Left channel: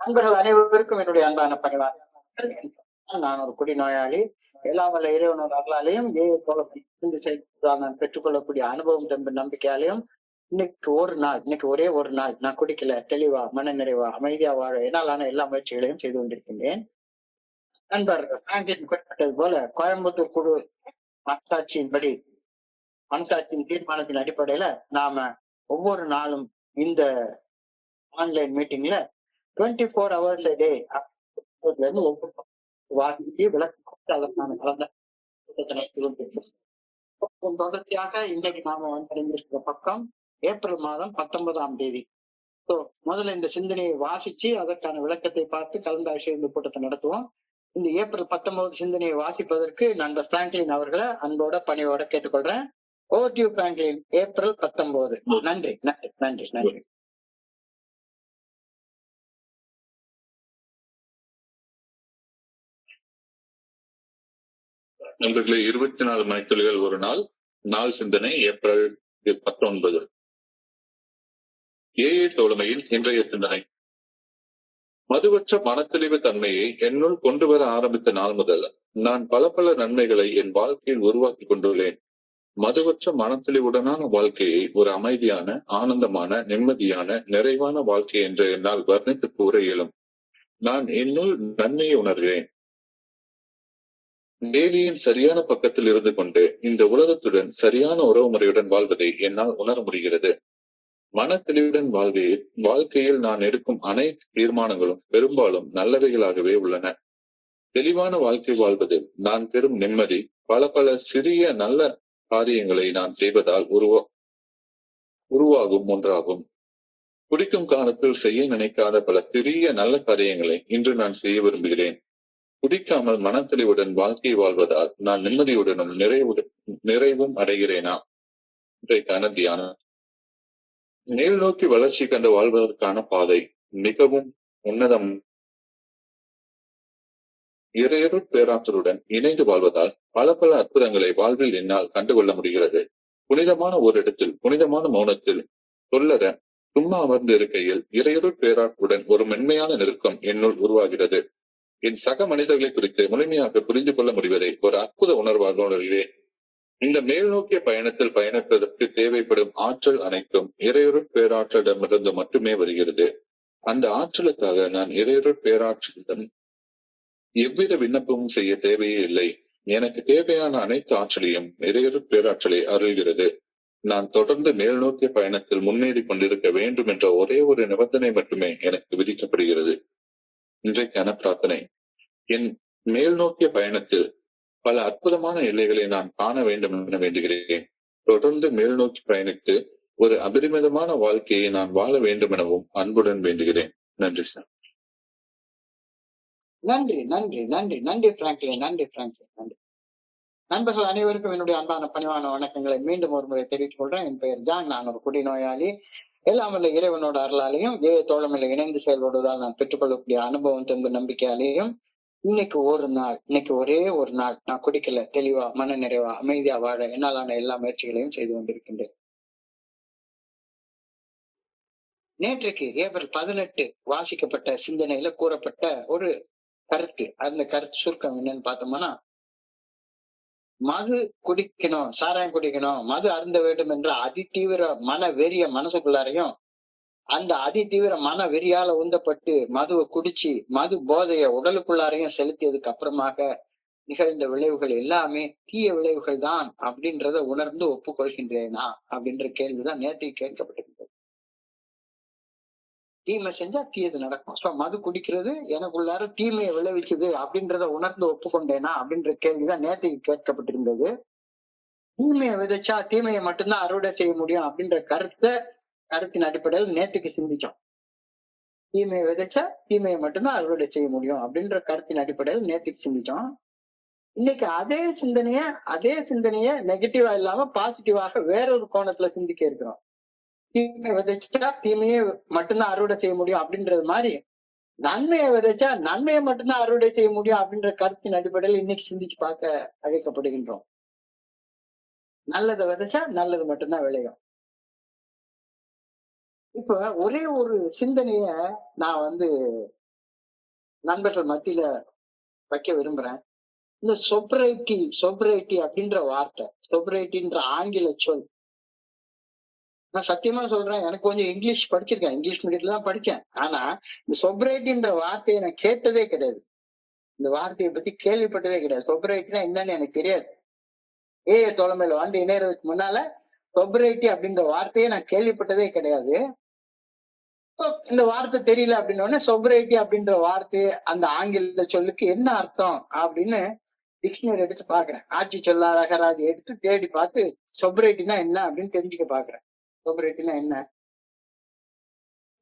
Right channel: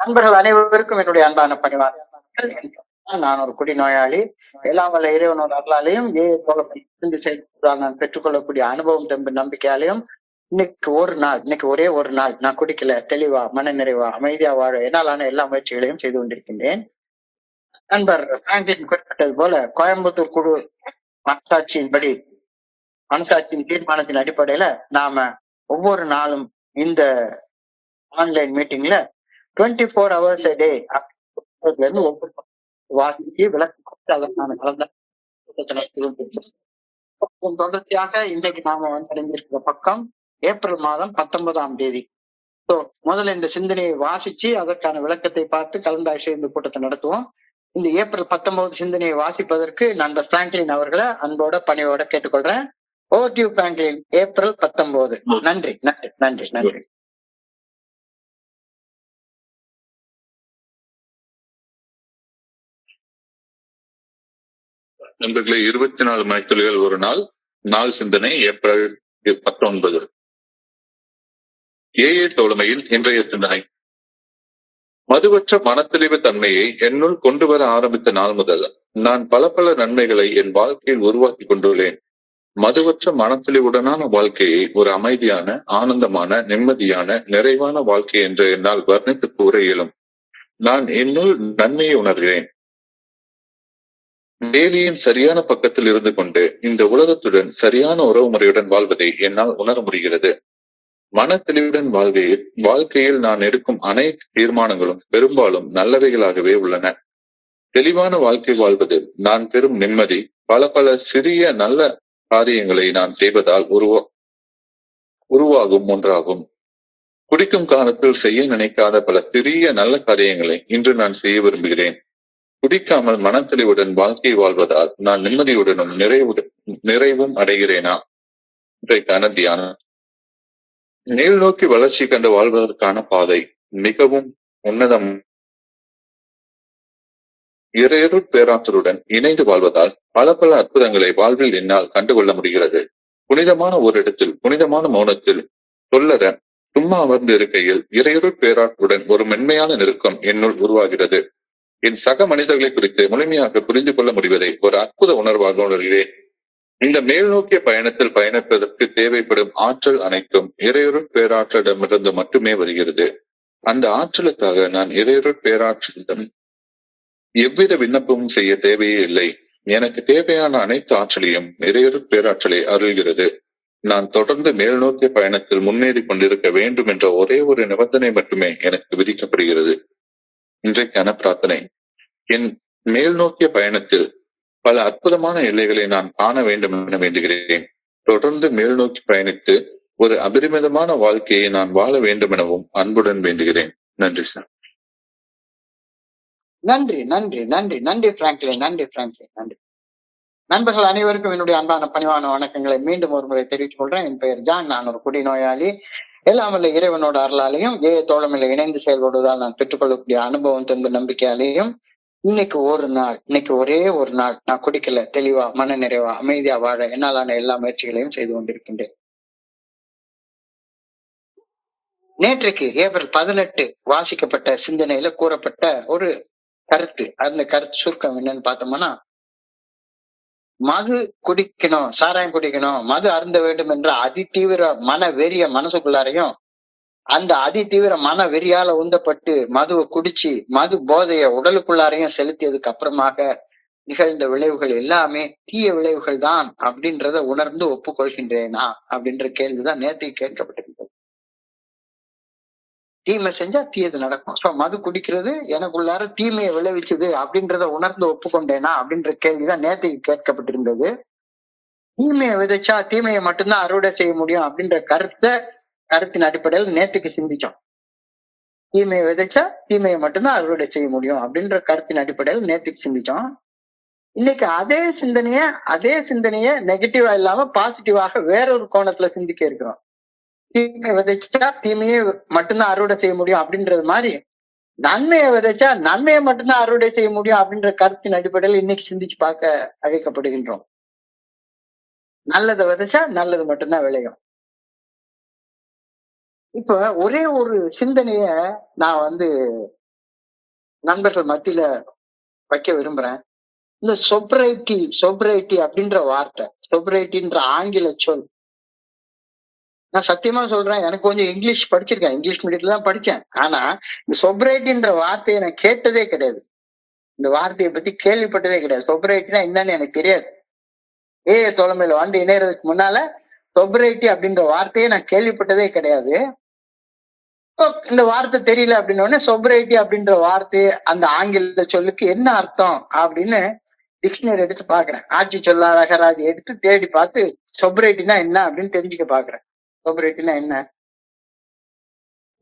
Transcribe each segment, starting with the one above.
நண்பர்கள் அனைவருக்கும் என்னுடைய அன்பான பணிவான நான் ஒரு குடிநோயாளி. எல்லாம் வல்ல இறைவனோட அருளாலையும் நான் பெற்றுக்கொள்ளக்கூடிய அனுபவம் தெம்பு நம்பிக்கையாலையும் இன்னைக்கு ஒரே ஒரு நாள் நான் குடிக்கல, தெளிவா மன நிறைவா அமைதியா வாழ என்னாலான எல்லா முயற்சிகளையும் செய்து கொண்டிருக்கின்றேன். நண்பர் பிராங்க்லின் குறிப்பிட்டது போல கோயம்புத்தூர் குழு மனசாட்சியின் தீர்மானத்தின் அடிப்படையில நாம ஒவ்வொரு நாளும் இந்த ஆன்லைன் மீட்டிங்ல 24 hours a day வாசிச்சு விளக்கு அதற்கான கலந்த தொடர்ச்சியாக இன்றைக்கு நாம அடைந்திருக்கிற பக்கம் ஏப்ரல் மாதம் 19ஆம் தேதி. முதல்ல இந்த சிந்தனையை வாசிச்சு அதற்கான விளக்கத்தை பார்த்து கலந்தாய்வு இந்த கூட்டத்தை நடத்துவோம். இந்த ஏப்ரல் 19 சிந்தனையை வாசிப்பதற்கு நண்பர் பிராங்க்லின் அவர்களை அன்போட பணியோட கேட்டுக்கொள்றேன். Over to you Franklin. April 19. நன்றி நன்றி நன்றி நன்றி. நண்பர்களே, 24 மணித்துளிகள் ஒரு நாள் சிந்தனை ஏப்ரல் 19. ஏஏ தோழமையில் இன்றைய சிந்தனை. மதுவற்ற மனத்தெளிவு தன்மையை என்னுள் கொண்டு வர ஆரம்பித்த நாள் முதல் நான் பல நன்மைகளை என் வாழ்க்கையில் உருவாக்கி கொண்டுள்ளேன். மதுவற்ற மனத்தெளிவுடனான வாழ்க்கையை ஒரு அமைதியான, ஆனந்தமான, நிம்மதியான, நிறைவான வாழ்க்கை என்று என்னால் வர்ணித்து கூற இயலும். நான் என்னுள் நன்மையை உணர்கிறேன். வேலியின் சரியான பக்கத்தில் இருந்து கொண்டு இந்த உலகத்துடன் சரியான உறவு முறையுடன் வாழ்வதை என்னால் உணர முடிகிறது. மன தெளிவுடன் வாழ்க்கையில் நான் எடுக்கும் அனைத்து தீர்மானங்களும் பெரும்பாலும் நல்லவைகளாகவே உள்ளன. தெளிவான வாழ்க்கை வாழ்வது நான் பெறும் நிம்மதி பல சிறிய நல்ல காரியங்களை நான் செய்வதால் உருவாகும் ஒன்றாகும். குடிக்கும் காலத்தில் செய்ய நினைக்காத பல சிறிய நல்ல காரியங்களை இன்று நான் செய்ய விரும்புகிறேன். குடிக்காமல் மனத்தெளிவுடன் வாழ்க்கை வாழ்வதால் நான் நிம்மதியுடனும் நிறைவும் அடைகிறேனா? இன்றைக்கான தியானம். மேல் நோக்கி வளர்ச்சி கண்டு வாழ்வதற்கான பாதை மிகவும் உன்னதம். இறையருள் பேராற்றலுடன் இணைந்து வாழ்வதால் பல அற்புதங்களை வாழ்வில் என்னால் கண்டுகொள்ள முடிகிறது. புனிதமான ஒரு இடத்தில், புனிதமான மௌனத்தில் சொல்லற சும்மா அமர்ந்து இருக்கையில் இறையருள் பேராற்றலுடன் ஒரு மென்மையான நெருக்கம் என்னுள் உருவாகிறது. என் சக மனிதர்களை குறித்து முழுமையாக புரிந்து கொள்ள முடிவதை ஒரு அற்புத உணர்வாக உணர்கிறேன். இந்த மேல் நோக்கிய பயணத்தில் பயணிப்பதற்கு தேவைப்படும் ஆற்றல் அனைத்தும் இறையருள் பேராற்றலிடமிருந்து மட்டுமே வருகிறது. அந்த ஆற்றலுக்காக நான் இறையருள் பேராற்றலிடம் எவ்வித விண்ணப்பமும் செய்ய தேவையே இல்லை. எனக்கு தேவையான அனைத்து ஆற்றலையும் இறையருள் பேராற்றலை அருள்கிறது. நான் தொடர்ந்து மேல் நோக்கிய பயணத்தில் முன்னேறி கொண்டிருக்க வேண்டும் என்ற ஒரே ஒரு நிபந்தனை மட்டுமே எனக்கு விதிக்கப்படுகிறது. இன்றைக்கான பிரார்த்தனை. என் மேல் நோக்கிய பயணத்தில் பல அற்புதமான எல்லைகளை நான் காண வேண்டும் என வேண்டுகிறேன். தொடர்ந்து மேல் நோக்கி பயணித்து ஒரு அபரிமிதமான வாழ்க்கையை நான் வாழ வேண்டும் எனவும் அன்புடன் வேண்டுகிறேன். நன்றி சார். நன்றி நன்றி நன்றி நன்றி பிராங்க்லின். நன்றி பிராங்க்லின். நன்றி. நண்பர்கள் அனைவருக்கும் என்னுடைய அன்பான பணிவான வணக்கங்களை மீண்டும் ஒரு முறை தெரிவித்துக் கொள்றேன். என் பெயர் ஜான். நான் ஒரு குடிநோயாளி. எல்லாம் வல்ல இறைவனோட அருளாலையும் தோழமையில இணைந்து செயல்படுவதால் நான் பெற்றுக்கொள்ளக்கூடிய அனுபவம் தெம்பு நம்பிக்கையாலேயும் இன்னைக்கு ஒரே ஒரு நாள் நான் குடிக்கல, தெளிவா மன நிறைவா அமைதியா வாழ என்னாலான எல்லா முயற்சிகளையும் செய்து கொண்டிருக்கின்றேன். நேற்றைக்கு ஏப்ரல் 18 வாசிக்கப்பட்ட சிந்தனையில கூறப்பட்ட ஒரு கருத்து, அந்த கருத்து சுருக்கம் என்னன்னு பார்த்தோம்னா, மது குடிக்கணும், சாராயம் குடிக்கணும், மது அருந்த வேண்டும் என்ற அதிதீவிர மன வெறிய மனசுக்குள்ளாரையும் அந்த அதிதீவிர மன வெறியால உந்தப்பட்டு மதுவை குடிச்சு மது போதைய உடலுக்குள்ளாரையும் செலுத்தியதுக்கு அப்புறமாக நிகழ்ந்த விளைவுகள் எல்லாமே தீய விளைவுகள் தான் அப்படின்றத உணர்ந்து ஒப்புக்கொள்கின்றேனா அப்படின்ற கேள்விதான் நேற்று கேட்கப்பட்டிருக்கிறது. தீமை செஞ்சா தீயது நடக்கும். சோ மது குடிக்கிறது எனக்குள்ளார தீமையை விளைவிக்குது அப்படின்றத உணர்ந்து ஒப்புக்கொண்டேனா அப்படின்ற கேள்விதான் நேற்றைக்கு கேட்கப்பட்டிருந்தது. தீமையை விதைச்சா தீமையை மட்டும்தான் அறுவடை செய்ய முடியும் அப்படின்ற கருத்தின் அடிப்படையில் நேற்றுக்கு சிந்திச்சோம். தீமையை விதைச்சா தீமையை மட்டும்தான் அறுவடை செய்ய முடியும் அப்படின்ற கருத்தின் அடிப்படையில் நேற்றுக்கு சிந்திச்சோம். இன்னைக்கு அதே சிந்தனைய நெகட்டிவா இல்லாம பாசிட்டிவாக வேறொரு கோணத்துல சிந்திக்க இருக்கிறோம். தீமையை விதைச்சா தீமையை மட்டும்தான் அறுவடை செய்ய முடியும் அப்படின்றது மாதிரி நன்மையை விதைச்சா நன்மையை மட்டும்தான் அறுவடை செய்ய முடியும் அப்படின்ற கருத்தின் அடிப்படையில் இன்னைக்கு சிந்திச்சு பார்க்க அழைக்கப்படுகின்றோம். நல்லதை விதைச்சா நல்லது மட்டும்தான் விளையும். இப்ப ஒரே ஒரு சிந்தனைய நான் நண்பர்கள் மத்தியில வைக்க விரும்புறேன். இந்த சொப்ரைட்டி அப்படின்ற வார்த்தை, சொப்ரைட்டின்ற ஆங்கில சொல். நான் சத்தியமா சொல்றேன், எனக்கு கொஞ்சம் இங்கிலீஷ் படிச்சிருக்கேன், இங்கிலீஷ் மீடியத்துல தான் படிச்சேன். ஆனா இந்த சொப்ரைட்டின்ற வார்த்தையை நான் கேட்டதே கிடையாது. இந்த வார்த்தையை பத்தி கேள்விப்பட்டதே கிடையாது. சொப்ரைட்டினா என்னன்னு எனக்கு தெரியாது. தோழமையில வந்து இணையறதுக்கு முன்னால சொப்ரைட்டி அப்படின்ற வார்த்தையை நான் கேள்விப்பட்டதே கிடையாது. இந்த வார்த்தை தெரியல அப்படின்ன சொப்ரைட்டி அப்படின்ற வார்த்தை அந்த ஆங்கில சொல்லுக்கு என்ன அர்த்தம் அப்படின்னு டிக்ஷனரி எடுத்து பாக்குறேன். ஆட்சி சொல்லார் அகராதி எடுத்து தேடி பார்த்து சொப்ரைட்டினா என்ன அப்படின்னு தெரிஞ்சுக்க பாக்குறேன். சொப்ரைட்டினா என்ன?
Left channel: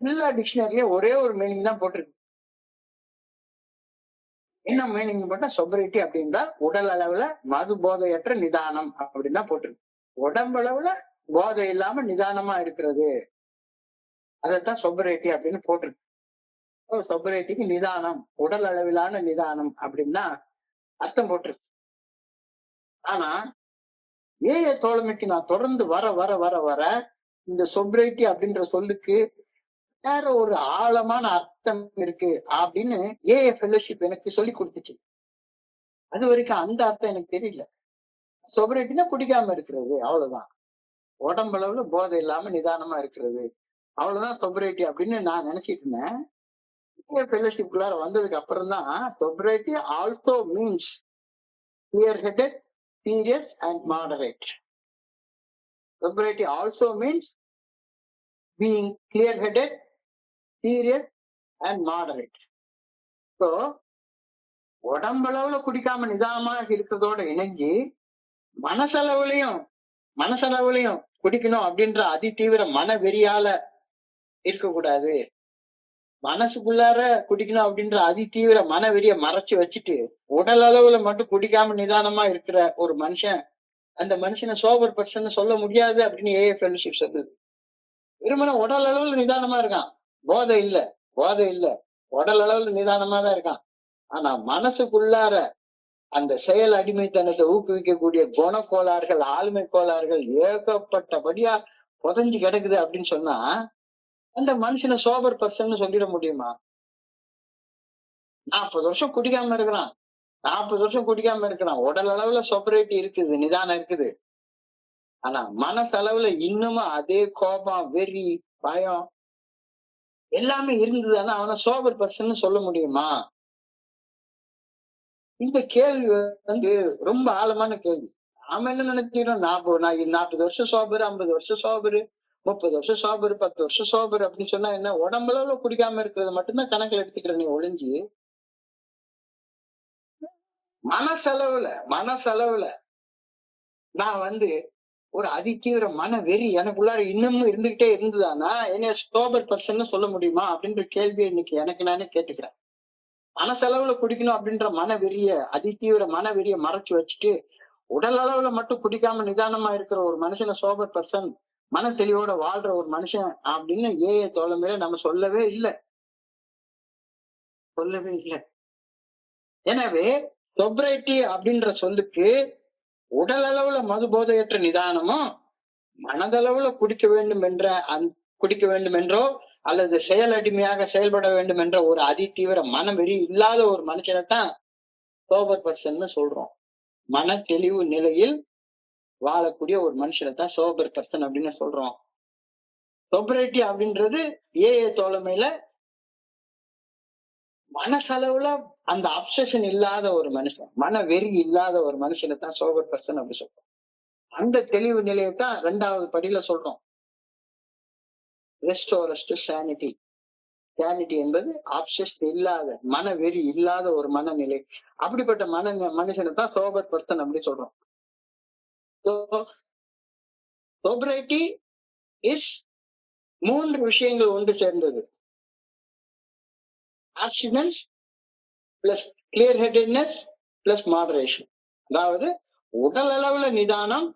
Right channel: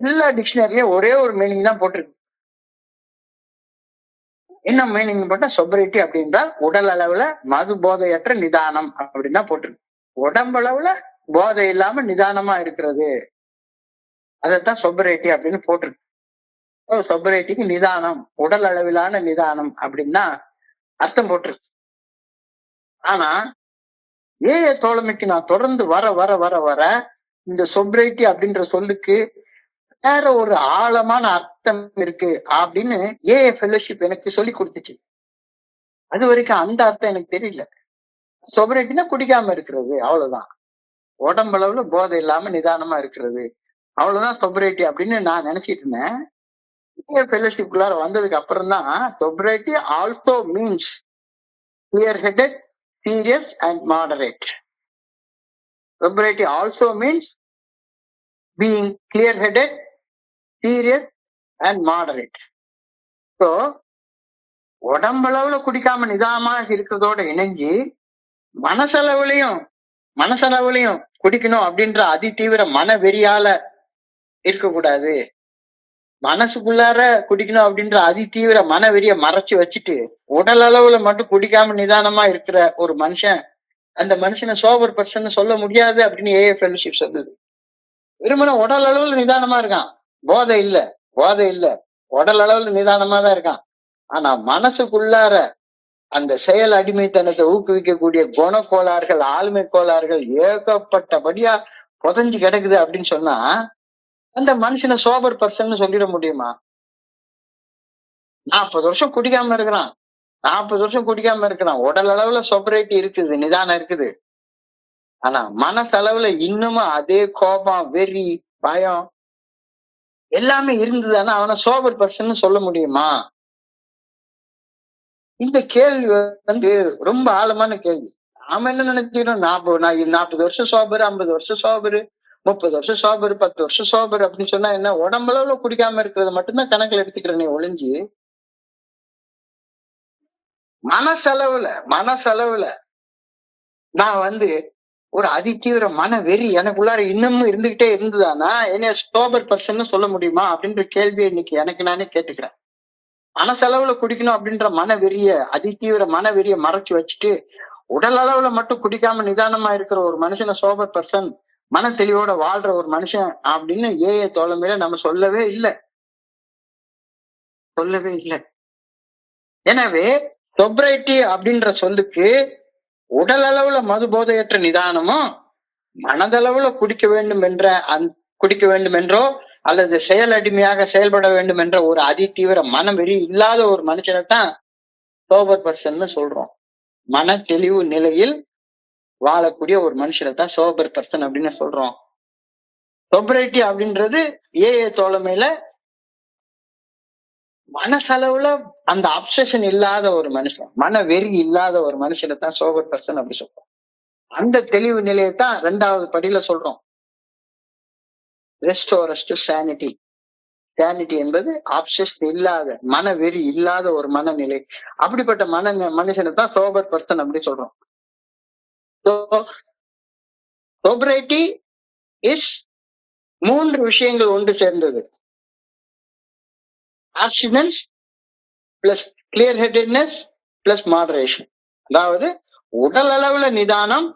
எல்லா டிக்ஷனரியும் ஒரே ஒரு மீனிங் தான் போட்டிருக்கு. என்ன மீனிங் போட்டா சொப்ரைட்டி அப்படின்றா உடல் அளவுல மது போதையற்ற நிதானம் அப்படின்னு தான் போட்டிருக்கு. உடம்பளவுல போதை இல்லாம நிதானமா இருக்கிறது, அதைத்தான் சொப்ரைட்டி அப்படின்னு போட்டிருக்கு. சொப்ரைட்டிக்கு நிதானம், உடல் அளவிலான நிதானம் அப்படின்னா அர்த்தம் போட்டிருக்கு. ஆனா தோழமைக்கு நான் தொடர்ந்து வர வர வர வர இந்த சொப்ரைட்டி அப்படின்ற சொல்லுக்கு வேற ஒரு ஆழமான அர்த்தம் இருக்கு அப்படின்னு ஃபெலோஷிப் எனக்கு சொல்லி கொடுத்துச்சு. அது வரைக்கும் அந்த அர்த்தம் எனக்கு தெரியல. சொப்ரைட்டினா குடிக்காம இருக்கிறது, அவ்வளவுதான். உடம்பளவுல போதை இல்லாம நிதானமா இருக்கிறது, அவ்வளவுதான் சொப்ரைட்டி அப்படின்னு நான் நினைச்சிட்டு இருந்தேன். ஃபெலோஷிப்குள்ளார வந்ததுக்கு அப்புறம் தான் sobriety also means clear headed, serious and moderate. Sobriety also means being clear-headed, serious and moderate. So, உடம்பளவுல குடிக்காம நிதானமாக இருக்கிறதோட இணைஞ்சு மனசளவுலையும் குடிக்கணும் அப்படின்ற அதிதீவிர மன வெறியால இருக்கக்கூடாது. மனசுக்குள்ளார குடிக்கணும் அப்படின்ற அதிதீவிர மன வெறிய மறைச்சு வச்சுட்டு உடல் அளவுல மட்டும் குடிக்காம நிதானமா இருக்கிற ஒரு மனுஷன், அந்த மனுஷனை சோபர் பர்சன் சொல்ல முடியாது அப்படின்னு ஃபெலோஷிப் சொல்லுது. வெறுமன உடல் அளவுல நிதானமா இருக்கான், போதை இல்ல, உடல் அளவுல நிதானமா தான் இருக்கான். ஆனா மனசுக்குள்ளார அந்த செயல் அடிமைத்தனத்தை ஊக்குவிக்கக்கூடிய குணக்கோளாறுகள், ஆளுமை கோளாறுகள் ஏகப்பட்டபடியா புதஞ்சு கிடக்குது அப்படின்னு சொன்னா அந்த மனுஷனை சோபர் பர்சன் சொல்லிட முடியுமா? 40 வருஷம் குடிக்காம இருக்கிறான், உடல் அளவுல சொபரைட்டி இருக்குது, நிதானம் இருக்குது. ஆனா மனசளவுல இன்னமும் அதே கோபம், வெறி, பயம் எல்லாமே இருந்ததுன்னா அவனை சோபர் பர்சன் சொல்ல முடியுமா? இந்த கேள்வி வந்து ரொம்ப ஆழமான கேள்வி. நாம என்ன நினைச்சிடும், 40 வருஷம் சோபரு, 50 வருஷம் சோபரு, 30 வருஷம் சோபரு, 10 வருஷம் சோபரு அப்படின்னு சொன்னா என்ன, உடம்பளவுல குடிக்காம இருக்கிறத மட்டும்தான் கணக்குல எடுத்துக்கிறேனே ஒளிஞ்சு, மனசளவுல நான் வந்து ஒரு அதிதீவிர மன வெறி எனக்குள்ளார இன்னமும் இருந்துகிட்டே இருந்ததானா என்னைய சோபர் பர்சன் சொல்ல முடியுமா அப்படின்ற கேள்வியை இன்னைக்கு எனக்கு நானே கேட்டுக்கிறேன். மனசளவுல குடிக்கணும் அப்படின்ற அதிதீவிர மன வெறிய மறைச்சு வச்சுட்டு உடல் அளவுல மட்டும் குடிக்காம நிதானமா இருக்கிற ஒரு மனுஷனை சோபர் பர்சன், மன தெளிவோட வாழ்ற ஒரு மனுஷன் அப்படின்னு தோழமையில நம்ம சொல்லவே இல்லை. எனவே சொப்ரைட்டி அப்படின்ற சொல்லுக்கு உடல் அளவுல மது போதையற்ற நிதானமும் மனதளவுல குடிக்க வேண்டும் என்றோ அல்லது செயல் அடிமையாக செயல்பட வேண்டும் என்ற ஒரு அதிதீவிர மனவெறி இல்லாத ஒரு மனுஷனைத்தான் சோபர் பர்சன் சொல்றோம். மன தெளிவு நிலையில் வாழக்கூடிய ஒரு மனுஷனைத்தான் சோபர் பர்சன் அப்படின்னு சொல்றோம். சொப்ரைட்டி அப்படின்றது தோழமையில மனசளவுல அந்த அப்சஷன் இல்லாத ஒரு மனுஷன், மன வெறி இல்லாத ஒரு மனுஷனைத்தான் சோபர் பர்சன் அப்படி சொல்றோம். அந்த தெளிவு நிலையத்தான் 2வது படியில சொல்றோம். ரெஸ்டோரஸ் டு சானிட்டி. சானிட்டி என்பது அப்சஷன் இல்லாத, மன வெறி இல்லாத ஒரு மனநிலை. அப்படிப்பட்ட மனுஷனை தான் சோபர் பர்சன் அப்படி சொல்றோம். சோபரைட்டி இஸ் 3 விஷயங்கள் ஒன்று சேர்ந்தது. ஆப்ஸ்டினன்ஸ் பிளஸ் கிளியர் ஹெடட்னஸ் பிளஸ் மாடரேஷன். அதாவது உடல் அளவுல நிதானம்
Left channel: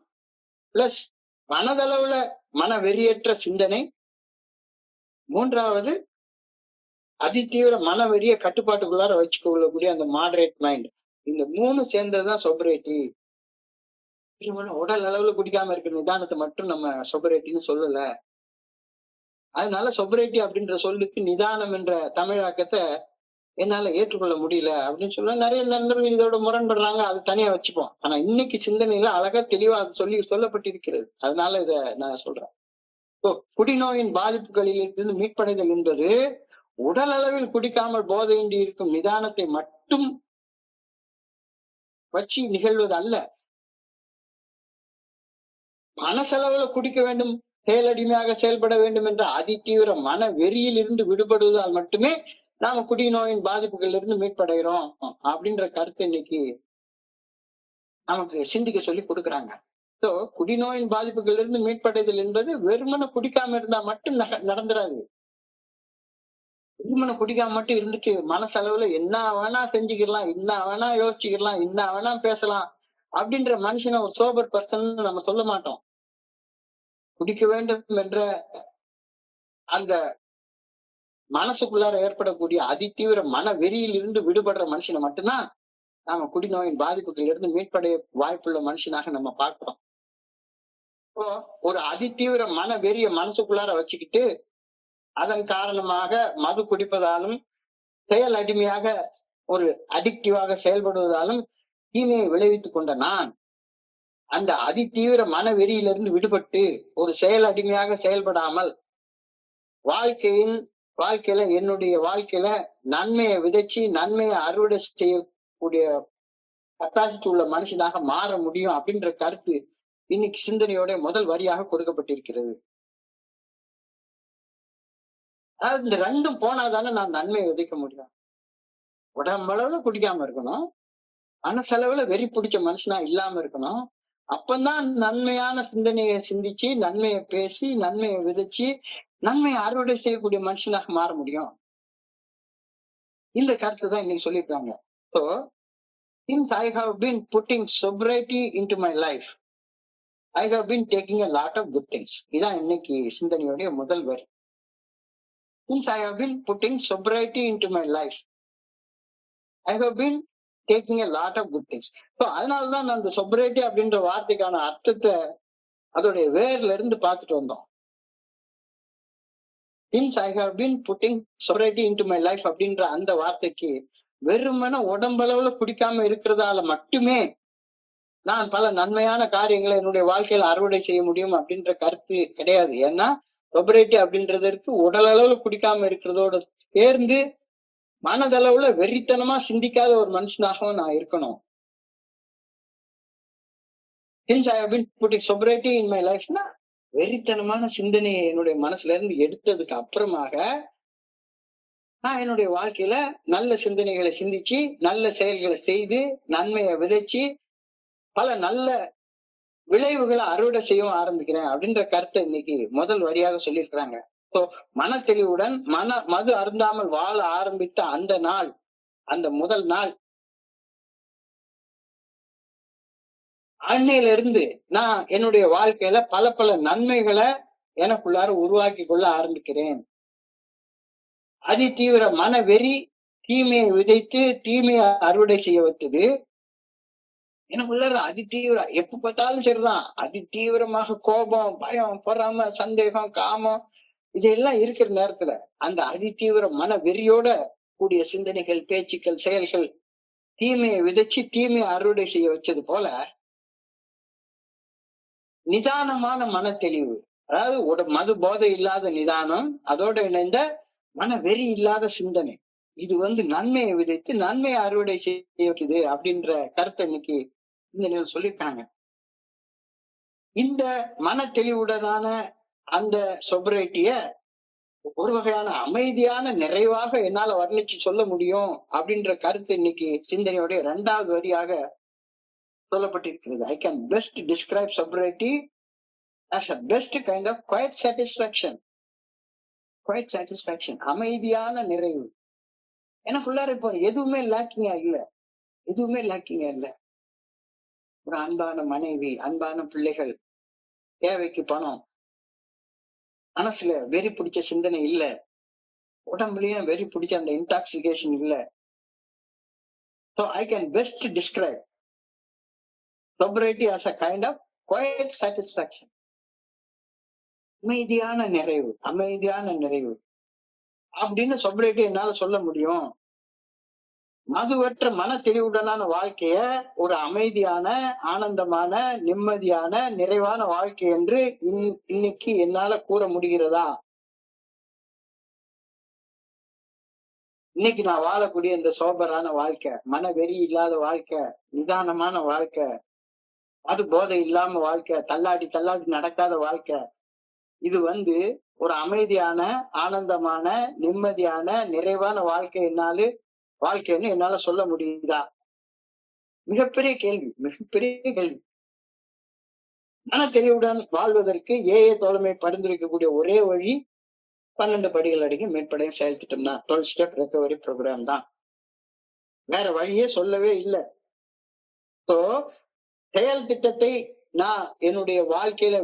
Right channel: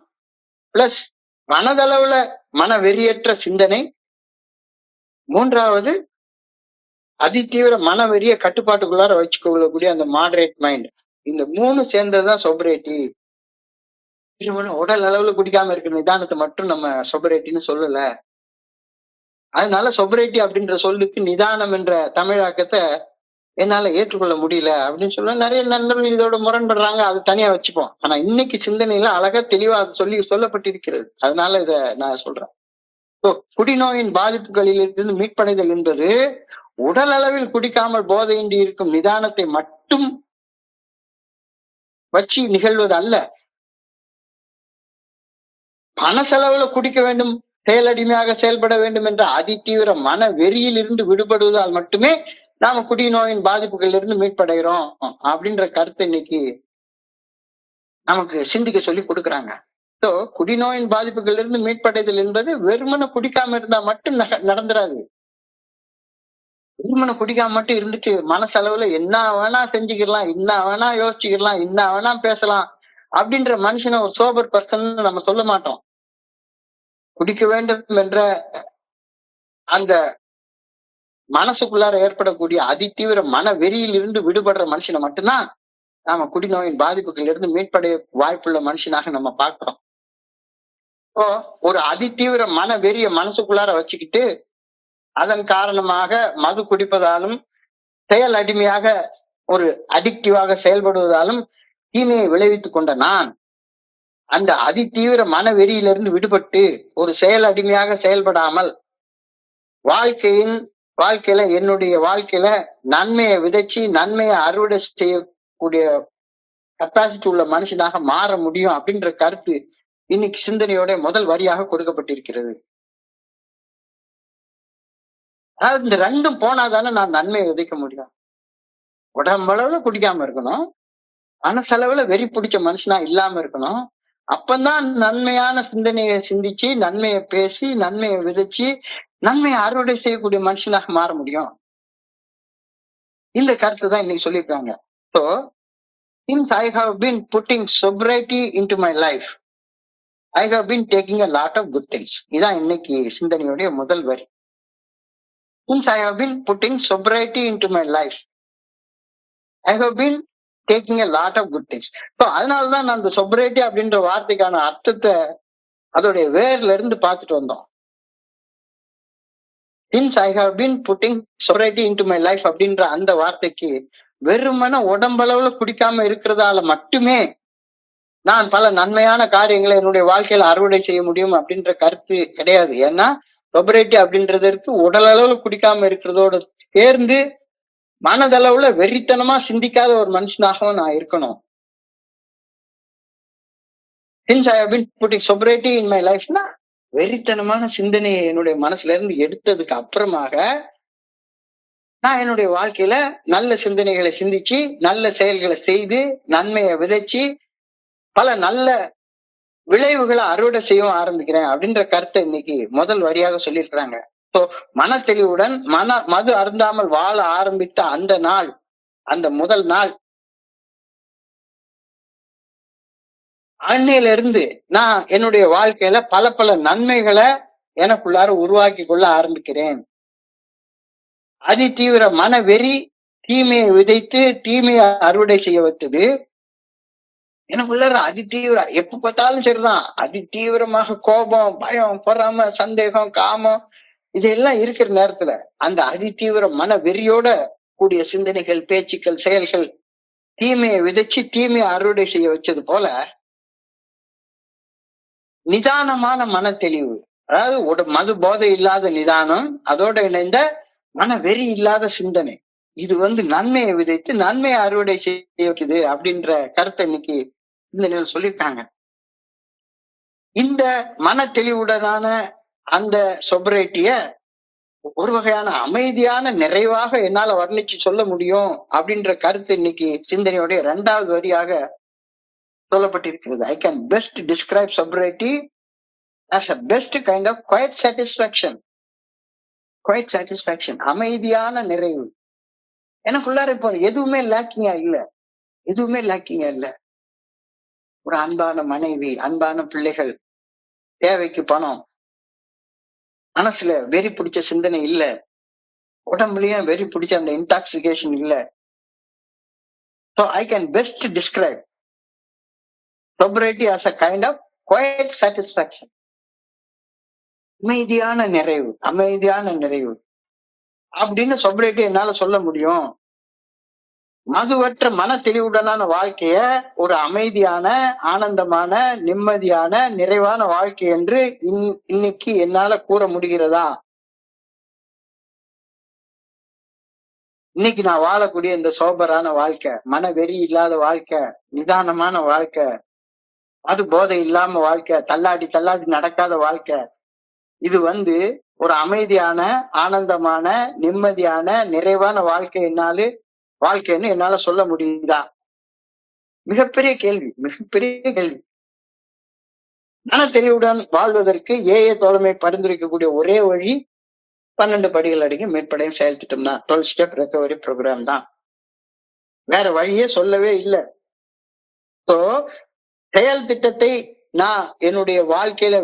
பிளஸ் மனதளவுல மன வெறியற்ற சிந்தனை, 3வது அதிதீவிர மன வெறிய கட்டுப்பாட்டுக்குள்ளார வச்சுக்கொள்ளக்கூடிய அந்த மாடரேட் மைண்ட். இந்த 3 சேர்ந்ததுதான் சொபரைட்டி. உடல் அளவுல குடிக்காம இருக்கிற நிதானத்தை மட்டும் நம்ம சொபரைட்டின்னு சொல்லல. அதனால சொபரைட்டி அப்படின்ற சொல்லுக்கு நிதானம் என்ற தமிழாக்கத்தை என்னால ஏற்றுக்கொள்ள முடியல அப்படின்னு சொல்ல நிறைய நண்பர்கள் இதோட முரண்படுறாங்க. அது தனியா வச்சுப்போம். ஆனா இன்னைக்கு சிந்தனையில அழகா தெளிவா அது சொல்லப்பட்டிருக்கிறது. அதனால இத நான் சொல்றேன். குடிநோயின் பாதிப்புகளில் இருந்து மீட்படைதல் என்பது உடல் அளவில் குடிக்காமல் போதையின்றி இருக்கும் நிதானத்தை மட்டும் வச்சு நிகழ்வது அல்ல. பண செலவுல குடிக்க வேண்டும், செயலடிமையாக செயல்பட வேண்டும் என்ற அதிதீவிர மன வெறியில் இருந்து விடுபடுவதால் மட்டுமே நாம குடிநோயின் பாதிப்புகளில் இருந்து மீட்படைகிறோம் அப்படின்ற கருத்தை இன்னைக்கு நமக்கு சிந்திக்க சொல்லி கொடுக்குறாங்க. சோ குடிநோயின் பாதிப்புகளில் இருந்து மீட்படைதல் என்பது வெறுமனை குடிக்காம இருந்தா மட்டும் நடந்துராது. வெறுமனை குடிக்காம மட்டும் இருந்துட்டு மனசளவுல என்ன வேணா செஞ்சுக்கலாம், என்ன வேணா யோசிச்சுக்கலாம், என்ன வேணா பேசலாம் அப்படின்ற மனுஷனை ஒரு சோபர் பர்சன் நம்ம சொல்ல மாட்டோம். குடிக்க வேண்டும் என்ற அந்த மனசுக்குள்ளார ஏற்படக்கூடிய அதிதீவிர மன வெறியில் இருந்து விடுபடுற மனுஷனை மட்டும்தான் நாம குடிநோயின் பாதிப்புகள் இருந்து மீட்படைய வாய்ப்புள்ள மனுஷனாக நம்ம பார்க்கிறோம். இப்போ ஒரு அதிதீவிர மன வெறிய மனசுக்குள்ளார வச்சுக்கிட்டு அதன் காரணமாக மது குடிப்பதாலும் செயல் அடிமையாக ஒரு அடிக்டிவாக செயல்படுவதாலும் தீமையை விளைவித்துக் கொண்ட நான் அந்த அதிதீவிர மன வெறியிலிருந்து விடுபட்டு ஒரு செயல் அடிமையாக செயல்படாமல் வாழ்க்கையில என்னுடைய வாழ்க்கையில நன்மையை விதைச்சு நன்மையை அறுவடை செய்யக்கூடிய கெப்பாசிட்டி உள்ள மனுஷனாக மாற முடியும் அப்படின்ற கருத்து இன்னைக்கு சிந்தனையோட முதல் வரியாக கொடுக்கப்பட்டிருக்கிறது. அதாவது இந்த ரெண்டும் போனாதானே நான் நன்மையை விதைக்க முடியும். உடம்பளவுல குடிக்காம இருக்கணும், மனசளவுல வெறி பிடிச்ச மனுஷனா இல்லாம இருக்கணும். அப்பந்தான் நன்மையான சிந்தனையை சிந்திச்சு நன்மையை பேசி நன்மையை விதைச்சு நன்மையை அறுவடை செய்யக்கூடிய மனுஷனாக மாற முடியும். இந்த கருத்து தான் இன்னைக்கு சொல்லியிருக்காங்க. So, since I have been putting sobriety into my life, I have been taking a lot of good things. இதான் இன்னைக்கு சிந்தனையுடைய முதல் வரி. Since I have been putting sobriety into my life, I have been taking a lot of good things. So, அதனாலதான் நான் அந்த sobriety அப்படின்ற வார்த்தைக்கான அர்த்தத்தை அதோடைய வேர்ல இருந்து பார்த்துட்டு வந்தோம். Since I have been putting sobriety into my life அப்படின்ற அந்த வார்த்தைக்கு வெறுமன உடம்பளவுல குடிக்காம இருக்கிறதால மட்டுமே நான் பல நன்மையான காரியங்களை என்னுடைய வாழ்க்கையில அறுவடை செய்ய முடியும் அப்படின்ற கருத்து கிடையாது. ஏன்னா சொபரேட்டி அப்படின்றதற்கு உடல் அளவுல குடிக்காம இருக்கிறதோட சேர்ந்து மனதளவுல வெறித்தனமா சிந்திக்காத ஒரு மனுஷனாகவும் நான் இருக்கணும். Since I have been putting sobriety in my life, வெறித்தனமான சிந்தனையை என்னுடைய மனசுல இருந்து எடுத்ததுக்கு அப்புறமாக நான் என்னுடைய வாழ்க்கையில நல்ல சிந்தனைகளை சிந்திச்சு நல்ல செயல்களை செய்து நன்மையை விதைச்சு பல நல்ல விளைவுகளை அறுவடை செய்ய ஆரம்பிக்கிறேன் அப்படின்ற கருத்தை இன்னைக்கு முதல் வரியாக சொல்லியிருக்கிறாங்க. சோ மன தெளிவுடன் மது அருந்தாமல் வாழ ஆரம்பித்த அந்த நாள், அந்த முதல் நாள், அன்னையில இருந்து நான் என்னுடைய வாழ்க்கையில பல பல நன்மைகளை எனக்குள்ளார உருவாக்கி கொள்ள ஆரம்பிக்கிறேன். அதிதீவிர மன வெறி தீமையை விதைத்து தீமையை அறுவடை செய்ய வைத்தது. எனக்குள்ளார அதிதீவிர எப்ப பார்த்தாலும் சரிதான் அதிதீவிரமாக கோபம், பயம், பொறாம, சந்தேகம், காமம் இதெல்லாம் இருக்கிற நேரத்துல அந்த அதிதீவிர மன வெறியோட கூடிய சிந்தனைகள், பேச்சுக்கள், செயல்கள் தீமையை விதைச்சு தீமையை அறுவடை செய்ய வச்சது போல நிதானமான மன தெளிவு, அதாவது மது போதை இல்லாத நிதானம், அதோட இணைந்த மன வெறி இல்லாத சிந்தனை, இது நன்மையை விதைத்து நன்மையை அறுவடை செய்ய வைக்குது அப்படின்ற கருத்தை இன்னைக்கு இந்த சொல்லியிருக்காங்க. இந்த மன தெளிவுடனான அந்த சொபரேட்டிய ஒரு வகையான அமைதியான நிறைவாக என்னால வர்ணிச்சு சொல்ல முடியும் அப்படின்ற கருத்து இன்னைக்கு சிந்தனையோட 2வது வரியாக சொல்லப்பட்டிருக்கிறது. I can best describe sobriety as a best kind of quiet satisfaction. Quiet satisfaction, அமைதியான நிறைவு. எனக்குள்ளார இப்போ எதுவுமே லேக்கிங்கா இல்ல. ஒரு அன்பான மனைவி, அன்பான பிள்ளைகள், தேவைக்கு பணம், மனசுல வெறி பிடிச்ச சிந்தனை இல்ல, உடம்புலயும் வெறி பிடிச்ச அந்த இன்டாக்சிகேஷன் இல்ல. So I can best describe sobriety as a kind of quiet satisfaction. அமைதியான நிறைவு அப்படின்னு sobriety என்னால சொல்ல முடியும் மதுவற்ற மன தெளிவுடனான வாழ்க்கைய ஒரு அமைதியான, ஆனந்தமான, நிம்மதியான, நிறைவான வாழ்க்கை என்று இன்னைக்கு என்னால கூற முடிகிறதா? இன்னைக்கு நான் வாழக்கூடிய இந்த சோபரான வாழ்க்கை, மன வெறி இல்லாத வாழ்க்கை, நிதானமான வாழ்க்கை, அது போதை இல்லாம வாழ்க்கை, தள்ளாடி தள்ளாடி நடக்காத வாழ்க்கை, இது ஒரு அமைதியான, ஆனந்தமான, நிம்மதியான, நிறைவான வாழ்க்கைன்னு என்னால சொல்ல முடியுதா? மிகப்பெரிய கேள்வி, மிகப்பெரிய கேள்வி. மன தெளிவுடன் வாழ்வதற்கு ஏஏ தோழமை பரிந்துரைக்கக்கூடிய ஒரே வழி 12 படிகள் அடங்கி மேற்படையும் செயல் திட்டம் தான். 12 ஸ்டெப் ரெக்கவரி ப்ரோக்ராம் தான். வேற வழியே சொல்லவே இல்லை. சோ செயல் திட்டத்தை நான் என்னுடைய வாழ்க்கையில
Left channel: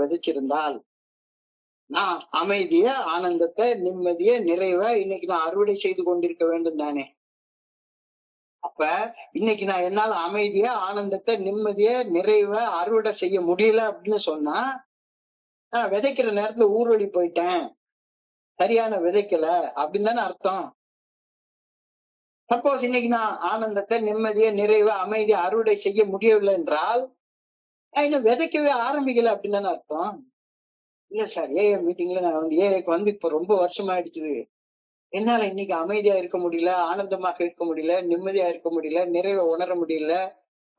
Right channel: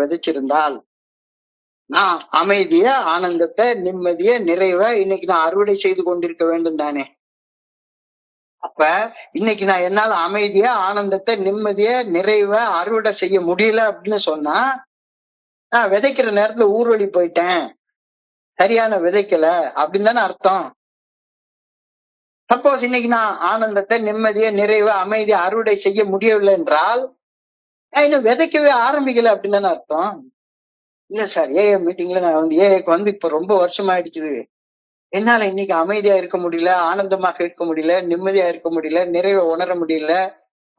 விதைச்சிருந்தால், நான் அமைதிய, ஆனந்தத்தை, நிம்மதிய, நிறைவ இன்னைக்கு நான் அறுவடை செய்து கொண்டிருக்க வேண்டும் தானே. அப்ப இன்னைக்கு நான் என்னால அமைதிய, ஆனந்தத்தை, நிம்மதிய, நிறைவ அறுவடை செய்ய முடியல அப்படின்னு சொன்னா, நான் விதைக்கிற நேரத்துல ஊர்வலி போயிட்டேன், சரியான விதைக்கல அப்படின்னு தானே அர்த்தம். சப்போஸ் இன்னைக்கு நான் ஆனந்தத்தை, நிம்மதிய, நிறைவு, அமைதிய அறுவடை செய்ய முடியவில்லை என்றால், நான் இன்னும் விதைக்கவே ஆரம்பிக்கல அப்படின்னு தானே அர்த்தம். இல்ல சார், ஏஏ மீட்டிங்ல நான் ஏஏக்கு இப்ப ரொம்ப வருஷம் ஆயிடுச்சு, என்னால இன்னைக்கு அமைதியா இருக்க முடியல, ஆனந்தமாக இருக்க முடியல, நிம்மதியா இருக்க முடியல, நிறைவை உணர முடியல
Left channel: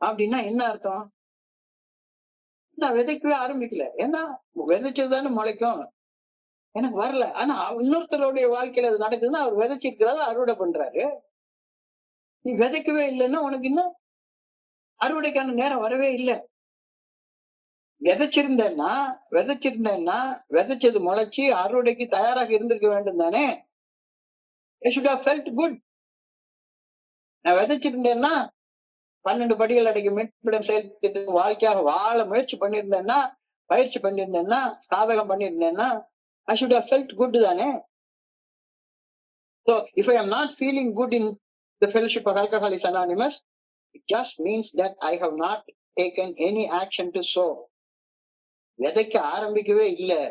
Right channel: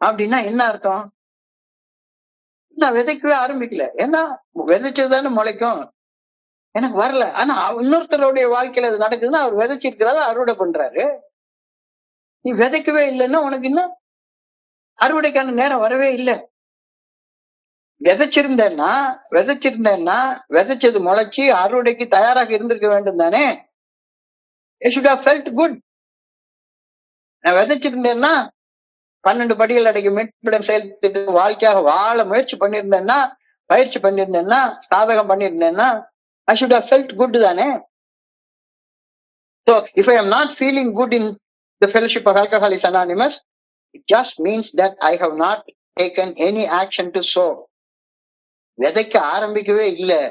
அப்படின்னா என்ன அர்த்தம்? நான் விதைக்கவே ஆரம்பிக்கல. ஏன்னா விதைச்சதுதானே முளைக்கும். எனக்கு வரல. ஆனா இன்னொருத்தருடைய வாழ்க்கையில அது நடக்குதுன்னா அவர் விதைச்சிருக்கிறாரு, அறுவடை பண்றாரு. நீ விதைக்கவே இல்லைன்னா உனக்கு இன்னும் அறுவடைக்கான நேரம் வரவே இல்லை. விதைச்சிருந்தேன்னா விதைச்சது முளைச்சு அறுவடைக்கு தயாராக இருந்திருக்க வேண்டும் தானே. I should have felt good. நான் விதைச்சிருந்தேன்னா 12 படிகள் அடங்கிய மீட்பிடம் செயல் திட்ட வாழ்க்கையாக வாழ முயற்சி பண்ணியிருந்தேன்னா, பயிற்சி பண்ணியிருந்தேன்னா, சாதகம் பண்ணியிருந்தேன்னா, I should have felt good தானே. So if I am not feeling good in the fellowship of Alcoholics Anonymous, it just means that I have not taken any action to sow. விதைக்க ஆரம்பிக்கவே இல்லை,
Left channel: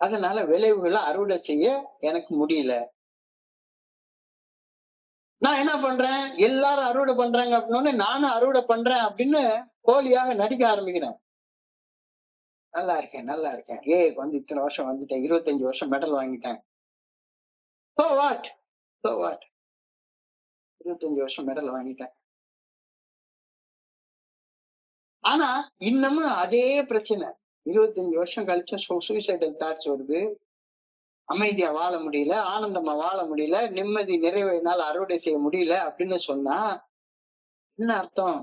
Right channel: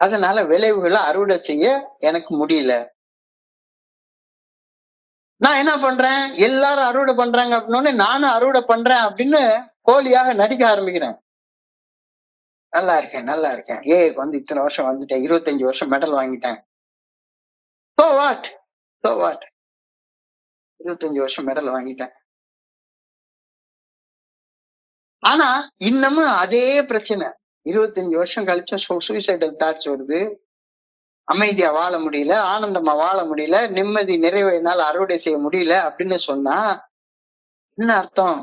அதனால விளைவுகளை அறுவடை செய்ய எனக்கு முடியல. நான் என்ன பண்றேன், எல்லாரும் அறுவடை பண்றாங்க அப்படின்னு நானும் அறுவடை பண்றேன் அப்படின்னு போலியாக நடிக்க ஆரம்பிக்கிறேன். நல்லா இருக்கேன், ஏக்கு இத்தனை வருஷம் வந்துட்டேன், 25 வருஷம் மெடல் வாங்கிட்டேன். So what? 25 வருஷம் மெடல் வாங்கிட்டேன். ஆனா இன்னமும் அதே பிரச்சனை. 25 வருஷம் கழிச்சும் சூசைடல் தாட்ஸ் வருது, அமைதியா வாழ முடியல, ஆனந்தமா வாழ முடியல, நிம்மதி நிறைவை என்னால அறுவடை செய்ய முடியல அப்படின்னு சொன்னா என்ன அர்த்தம்?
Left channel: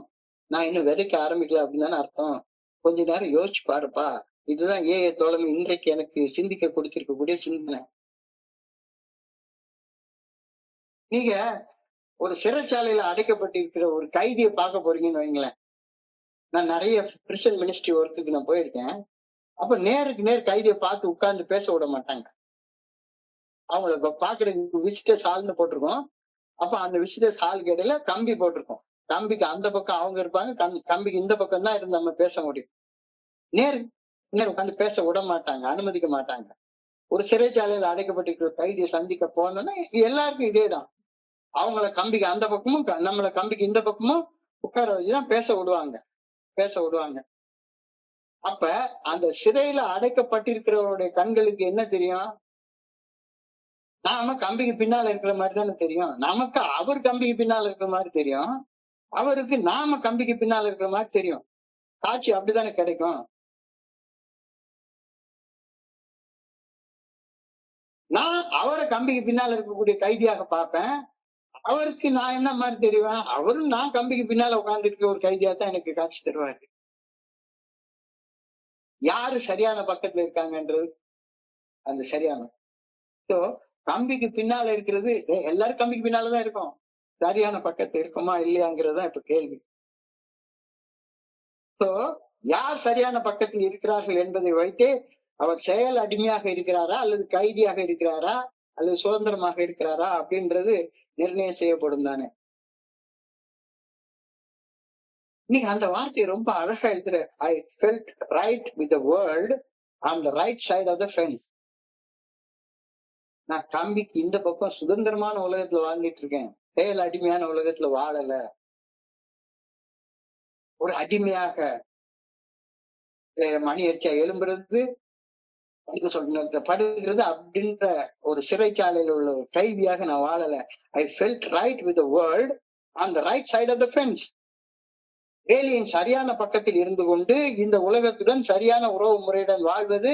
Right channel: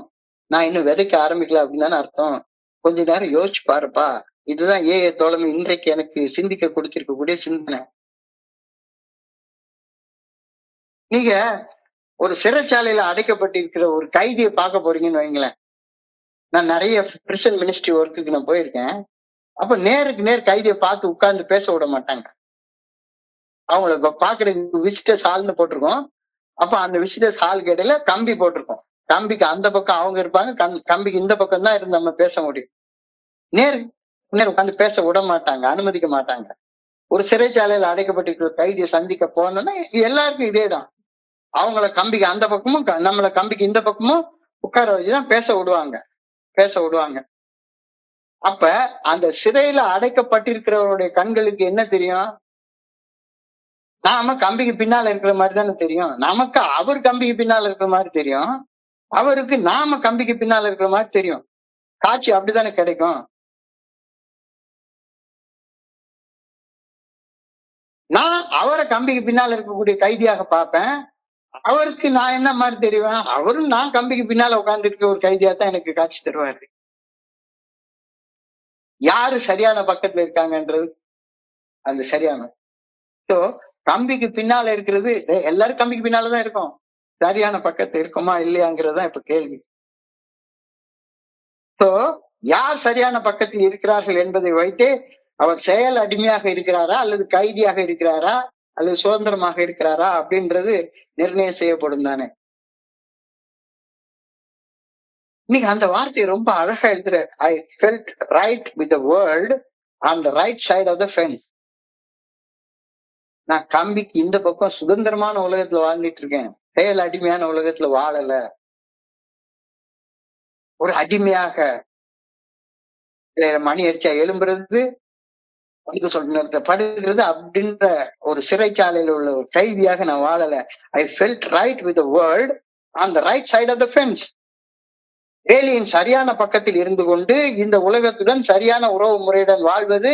நான் இன்னும் விதைக்க ஆரம்பிக்கல அப்படின்னு தானே அர்த்தம். கொஞ்ச நேரம் யோசிச்சு பாருப்பா. இதுதான் ஏஏ தோழமை இன்றைக்கு எனக்கு சிந்திக்க கொடுத்திருக்கக்கூடிய சிந்தனை. நீங்க ஒரு சிறைச்சாலையில அடைக்கப்பட்டிருக்கிற ஒரு கைதியை பார்க்க போறீங்கன்னு வைங்களேன். நான் நிறைய பிரிசன் மினிஸ்ட்ரி ஒர்க்குக்கு நான் போயிருக்கேன். அப்ப நேருக்கு நேர் கைதியை பார்த்து உட்கார்ந்து பேச விட மாட்டாங்க. அவங்கள பாக்குறதுக்கு விசிட்டர்ஸ் ஹால்னு போட்டிருக்கோம். அப்ப அந்த விசிட்டர்ஸ் ஹாலுக்கு இடையில கம்பி போட்டிருக்கோம். கம்பிக்கு அந்த பக்கம் அவங்க இருப்பாங்க, கம்பிக்கு இந்த பக்கம் தான் இருந்து நம்ம பேச முடியும். நேர் உட்காந்து பேச விட மாட்டாங்க, அனுமதிக்க மாட்டாங்க. ஒரு சிறைச்சாலையில அடைக்கப்பட்டிருக்கிற கைதியை சந்திக்க போனோம்னா எல்லாருக்கும் இதேதான். அவங்கள கம்பிக்கு அந்த பக்கமும் நம்மள கம்பிக்கு இந்த பக்கமும் உட்கார வச்சுதான் பேச விடுவாங்க. அப்ப அந்த சிறையில அடைக்கப்பட்டிருக்கிறவருடைய கண்களுக்கு என்ன தெரியும்? நாம கம்பிக்கு பின்னால இருக்கிற மாதிரி தானே தெரியும். நமக்கு அவர் கம்பிக்கு பின்னால இருக்கிற மாதிரி தெரியும், அவருக்கு நாம கம்பிக்கு பின்னால இருக்கிற மாதிரி தெரியும். காட்சி அப்படித்தானே கிடைக்கும். நான் அவரை கம்பிக்கு பின்னால இருக்கக்கூடிய கைதியாக பார்ப்பேன், அவருக்கு நான் என்ன மாதிரி தெரிவேன்? அவரும் நான் கம்பிக்கு பின்னால உட்கார்ந்து இருக்க ஒரு கைதியா தான் எனக்கு காட்சி தருவாரு. யாரு சரியான பக்கத்துல இருக்காங்கன்றது அந்த சரியான. சோ கம்பிக்கு பின்னால இருக்கிறது, எல்லாரும் கம்பிக்கு பின்னாலதான் இருக்கும், சரியான பக்கத்துல இருக்குமா இல்லையாங்கிறதுதான் இப்ப கேள்வி. சோ யார் சரியான பக்கத்தில் இருக்கிறார்கள் என்பதை வைத்தே அவர் செயல் அடிமையாக இருக்கிறாரா அல்லது கைதியாக இருக்கிறாரா அல்லது சுதந்திரமாக இருக்கிறாரா அப்படின்றது நிர்ணயம் செய்யப்படும் தானே. நீங்க அந்த வார்த்தையை ரொம்ப அழகா எழுதுற. I felt right with the world on the right side of the fence. நான் கம்பிக்கு இந்த பக்கம் சுதந்திரமான உலகத்துல வாழ்ந்துட்டு இருக்கேன். செயல் அடிமையான உலகத்துல வாழல. ஒரு அடிமையாக மணி அடிச்சா எழும்புறது, படுக்க சொல்ற நேரத்துல படுக்கிறது அப்படின்ற ஒரு சிறைச்சாலையில உள்ள ஒரு கைதியாக நான் வாழல. I felt right with the world on the right side of the fence. வேலியின் சரியான பக்கத்தில் இருந்து கொண்டு இந்த உலகத்துடன் சரியான உறவு முறையுடன் வாழ்வது,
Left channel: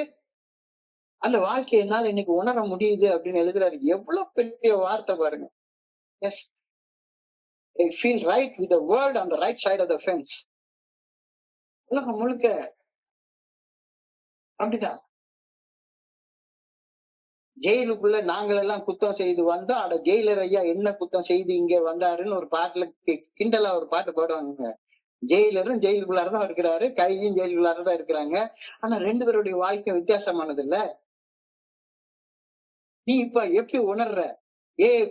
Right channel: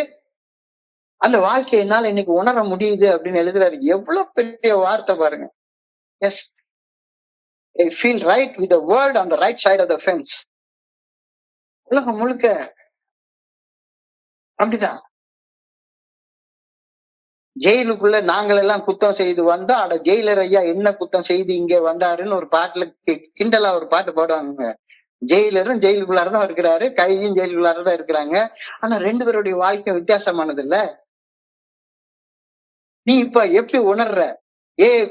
அந்த வாழ்க்கையை என்னால இன்னைக்கு உணர முடியுது அப்படின்னு எழுதுறாரு. எவ்வளவு பெரிய வார்த்தை பாருங்க. Yes, I feel right with the world on the right side of the fence. உலகம் முழுக்க அப்படிதான். ஜெயிலுக்குள்ள நாங்கள் எல்லாம் குத்தம் செய்து வந்தோம், அட ஜெயிலர் ஐயா என்ன குத்தம் செய்து இங்க வந்தாருன்னு ஒரு பாட்டுல கிண்டலா ஒரு பாட்டு பாடுவாங்க. ஜெயிலரும் ஜெயிலுக்குள்ளாரதான் இருக்கிறாரு, கைதியும் ஜெயிலுக்குள்ளாரதான் இருக்கிறாங்க. ஆனா 2 பேருடைய வாழ்க்கை வித்தியாசமானது இல்ல. நீ இப்ப எப்படி உணர்ற?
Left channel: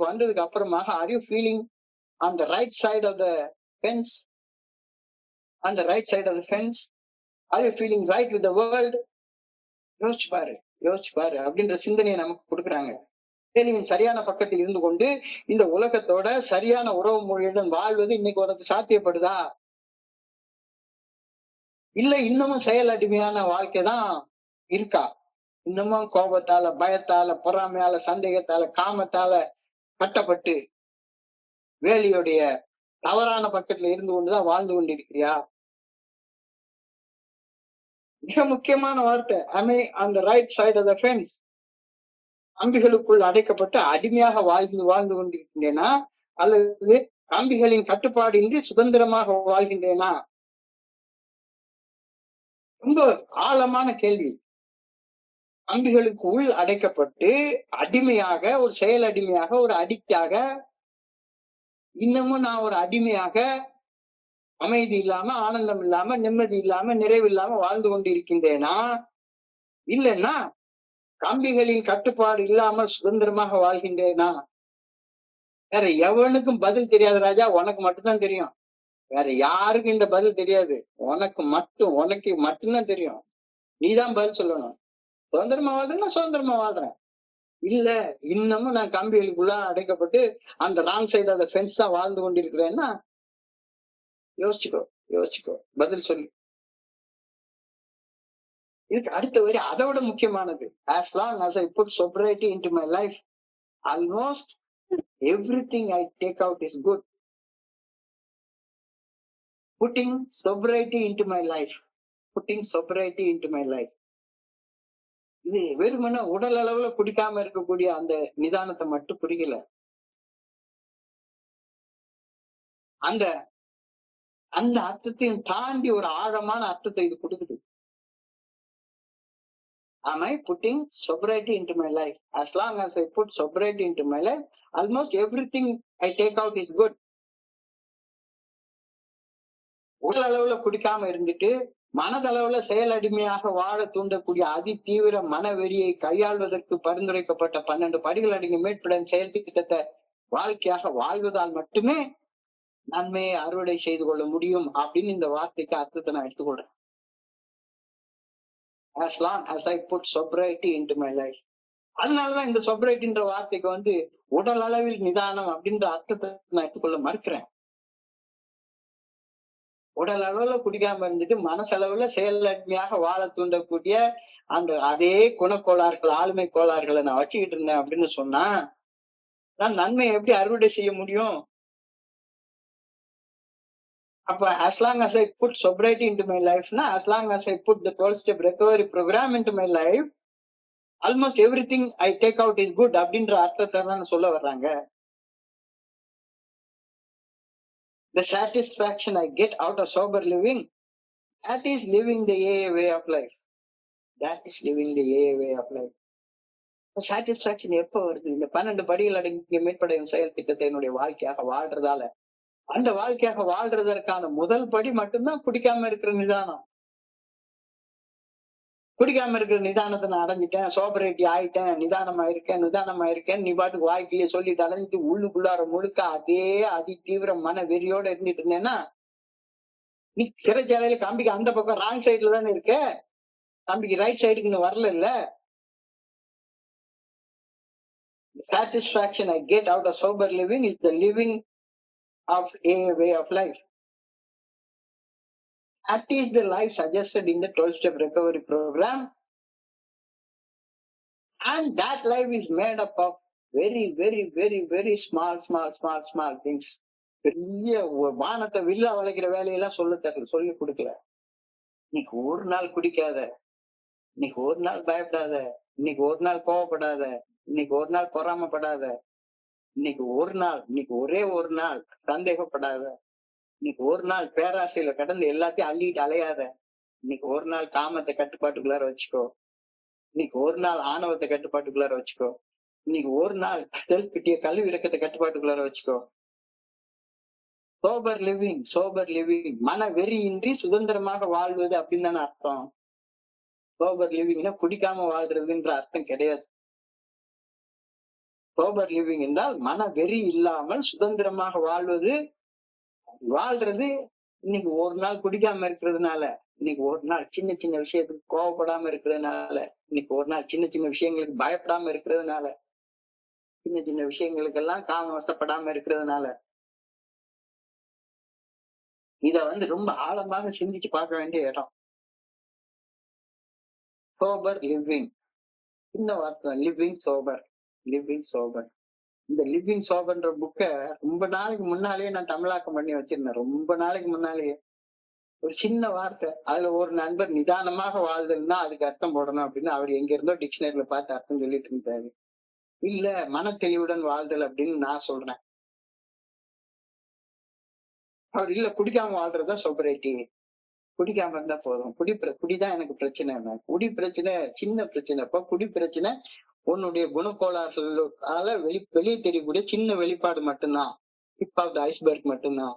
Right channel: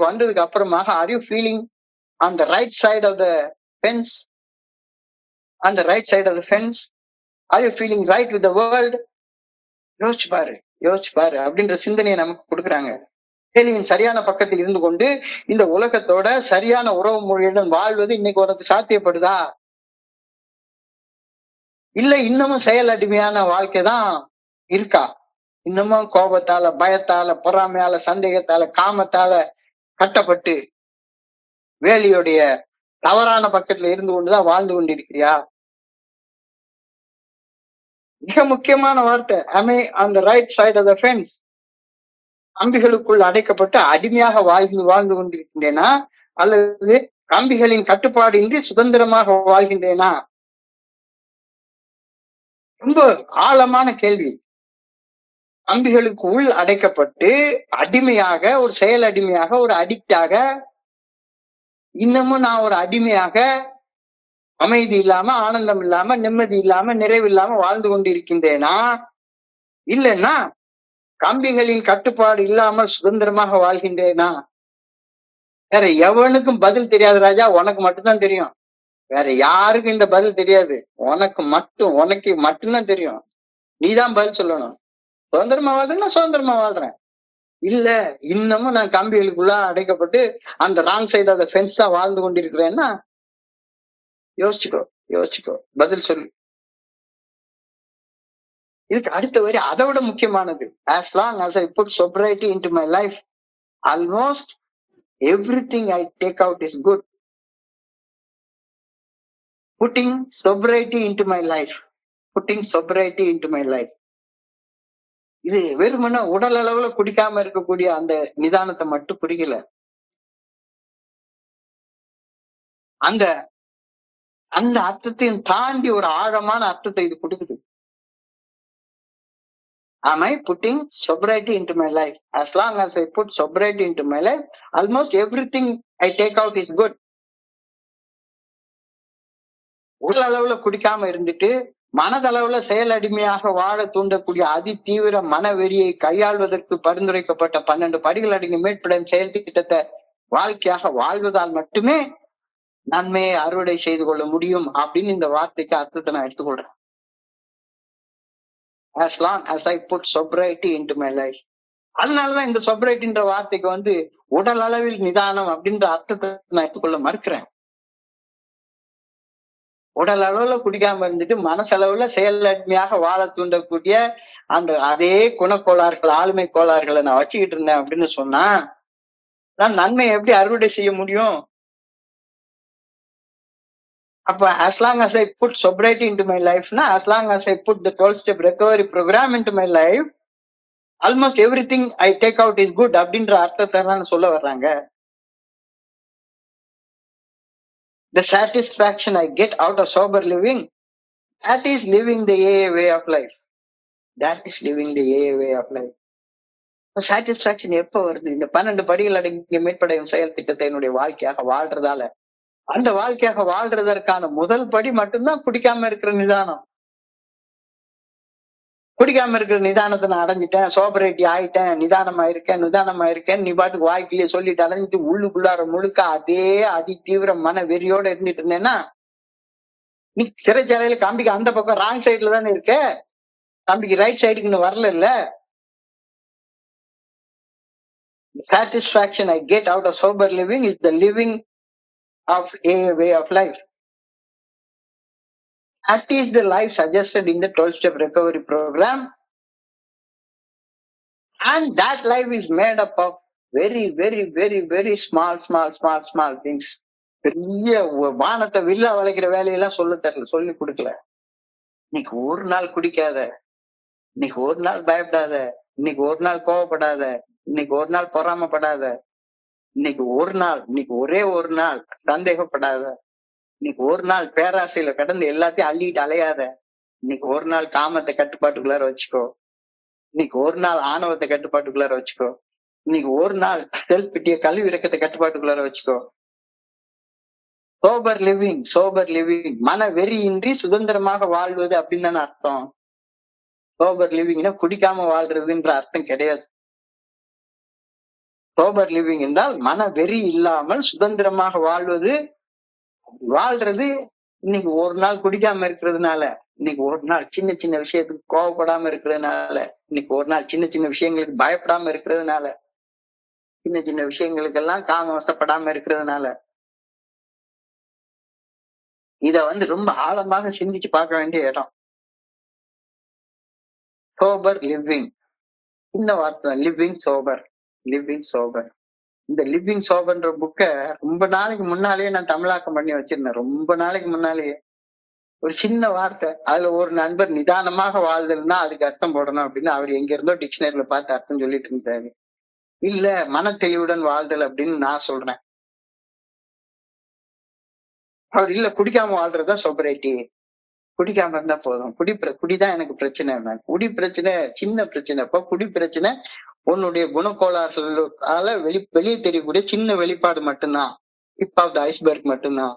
வந்ததுக்கு அப்புறமாக are you feeling on the right side of the fence? On the right side of the fence? Are you feeling right with the world? யோசிச்சு பாரு, யோசிச்சு பாரு அப்படின்ற சிந்தனையை நமக்கு கொடுக்குறாங்க. கேள்வியின் சரியான பக்கத்தில் இருந்து கொண்டு இந்த உலகத்தோட சரியான உறவு முறையுடன் வாழ்வது இன்னைக்கு உனக்கு சாத்தியப்படுதா? இல்ல இன்னமும் செயல் அடிமையான வாழ்க்கைதான் இருக்கா? இன்னமும் கோபத்தால, பயத்தால, பொறாமையால, சந்தேகத்தால, காமத்தால கட்டப்பட்டு வேலியுடைய தவறான பக்கத்துல இருந்து கொண்டுதான் வாழ்ந்து கொண்டிருக்கிறியா? மிக முக்கியமான வார்த்தை, am I on the right side of the fence? கம்பிகளுக்குள் அடைக்கப்பட்டு அடிமையாக வாழ்ந்து கொண்டிருக்கின்றேனா, அல்லது கம்பிகளின் கட்டுப்பாடு இன்றி சுதந்திரமாக வாழ்கின்றேனா? ரொம்ப ஆழமான கேள்வி. கம்பிகளுக்கு உள் அடைக்கப்பட்டு அடிமையாக, ஒரு செயல் அடிமையாக, ஒரு அடிக்டாக, இன்னமும் நான் ஒரு அடிமையாக அமைதி இல்லாம, ஆனந்தம் இல்லாம, நிம்மதி இல்லாம, நிறைவு இல்லாம வாழ்ந்து கொண்டிருக்கின்றேனா, இல்லைன்னா கம்பிகளின் கட்டுப்பாடு இல்லாமல் சுதந்திரமாக வாழ்கின்றேனா? வேற எவனுக்கும் பதில் தெரியாது ராஜா, உனக்கு மட்டும்தான் தெரியும். வேற யாருக்கும் இந்த பதில் தெரியாது. உனக்கு மட்டும்தான் தெரியும். நீதான் பதில் சொல்லணும். சுதந்திரமா வாழ்றேன்னா சுதந்திரமா வாழ்றேன், இல்ல இன்னமும் நான் கம்பிகளுக்குள்ள அடைக்கப்பட்டு அந்த wrong side of the fence தான் வாழ்ந்து கொண்டிருக்கிறேன்னா யோசிச்சுக்கோ, யோசிச்சுக்கோ, பதில் சொல்லு. இதுக்கு அடுத்த வரி அதை விட முக்கியமானது. as long as I put sobriety into my life, almost everything I take out is good. Putting sobriety into my life, putting sobriety into my life. இது வெறுமன உடல் அளவுல குடிக்காம இருக்கக்கூடிய அந்த நிதானத்தை மட்டும் புரியல. அந்த அந்த அர்த்தத்தையும் தாண்டி ஒரு ஆழமான அர்த்தத்தை இது கொடுக்குது. Am I putting sobriety into my life? As long as I put sobriety into my life, almost everything I take out is good. உடல் அளவுல குடிக்காம இருந்துட்டு மனதளவுல செயல் அடிமையாக வாழ தூண்டக்கூடிய அதி தீவிர மனவெறியை கையாள்வதற்கு பரிந்துரைக்கப்பட்ட 12 படிகள் அடங்கிய மீட்புடன் செயல் திட்டத்தை வாழ்க்கையாக வாழ்வதால் மட்டுமே நன்மையை அறுவடை செய்து கொள்ள முடியும் அப்படின்னு இந்த வார்த்தைக்கு அர்த்தத்தை நான் எடுத்துக்கொள்றேன். as long as I put sobriety into my life. அதனாலதான் இந்த sobriety வார்த்தைக்கு உடல் அளவில் நிதானம் அப்படின்ற அர்த்தத்தை நான் எடுத்துக்கொள்ள மறுக்கிறேன். உடல் அளவுல குடிக்காம இருந்துட்டு மனசளவுல செயல் அடிமையாக வாழ தூண்டக்கூடிய அந்த அதே குணக்கோளாறுகள், ஆளுமை கோளாறுகளை நான் வச்சுக்கிட்டு இருந்தேன் அப்படின்னு சொன்னா நான் நன்மையை எப்படி அறுவடை செய்ய முடியும்? அப்ப as long as I put sobriety into my life, as long as I put the 12-step recovery program into my life, almost everything I take out is good அப்படின்ற அர்த்தத்தை தான் சொல்ல வர்றாங்க. The satisfaction I get out of sober living, that is living the AA way of life. That is living the AA way of life. Satisfaction எப்ப வருது? இந்த 12 படிகள் அடங்கிய மீட்படையும் செயல் திட்டத்தை என்னுடைய வாழ்க்கையாக வாழ்றதால. அந்த வாழ்க்கையாக வாழ்றதற்கான முதல் படி மட்டும்தான் குடிக்காம இருக்கிற நிதானம். குடிக்காம இருக்கிற நிதானத்தை நான் அடைஞ்சிட்டேன், சோபரேட்டி ஆயிட்டேன், நிதானமா இருக்கேன், நீ பாட்டுக்கு வாய்க்கிலேயே சொல்லிட்டு அடைஞ்சிட்டு உள்ளுக்குள்ளார முழுக்க அதே அதி தீவிர மன வெறியோட இருந்துட்டு இருந்தேன்னா நீ சிறைச்சாலையில கம்பிக்கு அந்த பக்கம் ராங் சைட்ல தானே இருக்க, கம்பிக்கு ரைட் சைடுக்கு இன்னும் வரல. satisfaction I get out of sober living is the living of a way of life. That is the life suggested in the 12-step recovery program. And that life is made up of very small things. பெரிய வானத்தை villa வளைக்கிற வேலையெல்லாம் சொல்லி கொடுக்கல. இன்னைக்கு ஒரு நாள் குடிக்காத, இன்னைக்கு ஒரு நாள் பயப்படாத, இன்னைக்கு ஒரு நாள் கோவப்படாத, இன்னைக்கு ஒரு நாள் பொறாமப்படாத, இன்னைக்கு ஒரே ஒரு நாள் சந்தேகப்படாத, இன்னைக்கு ஒரு நாள் பேராசையில கடந்து எல்லாத்தையும் அள்ளிட்டு அலையாத, இன்னைக்கு ஒரு நாள் காமத்தை கட்டுப்பாட்டுக்குள்ளார வச்சுக்கோ, இன்னைக்கு ஒரு நாள் ஆணவத்தை கட்டுப்பாட்டுக்குள்ளார வச்சுக்கோ, இன்னைக்கு ஒரு நாள் செல்ஃப் பிட்டிய கல்வி இறக்கத்தை கட்டுப்பாட்டுக்குள்ளார வச்சுக்கோ. சோபர் லிவிங் மன வெறியின்றி சுதந்திரமாக வாழ்வது அப்படின்னு தானே அர்த்தம். சோபர் லிவிங்னா குடிக்காம வாழ்றதுன்ற அர்த்தம் கிடையாது. சோபர் லிவிங் என்றால் மன வெறி இல்லாமல் சுதந்திரமாக வாழ்றது. இன்னைக்கு ஒரு நாள் குடிக்காம இருக்கிறதுனால, இன்னைக்கு ஒரு நாள் சின்ன சின்ன விஷயத்துக்கு கோவப்படாம இருக்கிறதுனால, இன்னைக்கு ஒரு நாள் சின்ன சின்ன விஷயங்களுக்கு பயப்படாம இருக்கிறதுனால, சின்ன சின்ன விஷயங்களுக்கெல்லாம் காம வசப்படாம இருக்கிறதுனால, இத ரொம்ப ஆழமாக சிந்திச்சு பார்க்க வேண்டிய இடம். சோபர் லிவிங், சின்ன வார்த்தை, லிவிங் சோபர். இந்த லிவிங் சோபர்ன்ற புக்க ரொம்ப நாளைக்கு முன்னாலேயே நான் தமிழாக்கம் பண்ணி வச்சிருந்தேன். ரொம்ப நாளைக்கு முன்னாலேயே ஒரு சின்ன வார்த்தை, அதுல ஒரு நண்பர் நிதானமாக வாழ்தல்னா அதுக்கு அர்த்தம் போடணும் அப்படின்னு அவர் எங்க இருந்தோ டிக்ஷனரியில பார்த்து அர்த்தம் சொல்லிட்டு இருந்தாரு. இல்ல மன தெளிவுடன் வாழ்தல் அப்படின்னு நான் சொல்றேன். அவர் இல்ல குடிக்காம வாழ்றதுதான் சோபரேட்டி, குடிக்காம இருந்தா போதும், குடிதான் எனக்கு பிரச்சனை. குடி பிரச்சனை சின்ன பிரச்சனை. இப்போ குடி பிரச்சனை உன்னுடைய குணக்கோளாறுகளால வெளியே தெரியக்கூடிய சின்ன வெளிப்பாடு மட்டும்தான், டிப் ஆஃப் த ஐஸ்பர்க் மட்டும்தான்.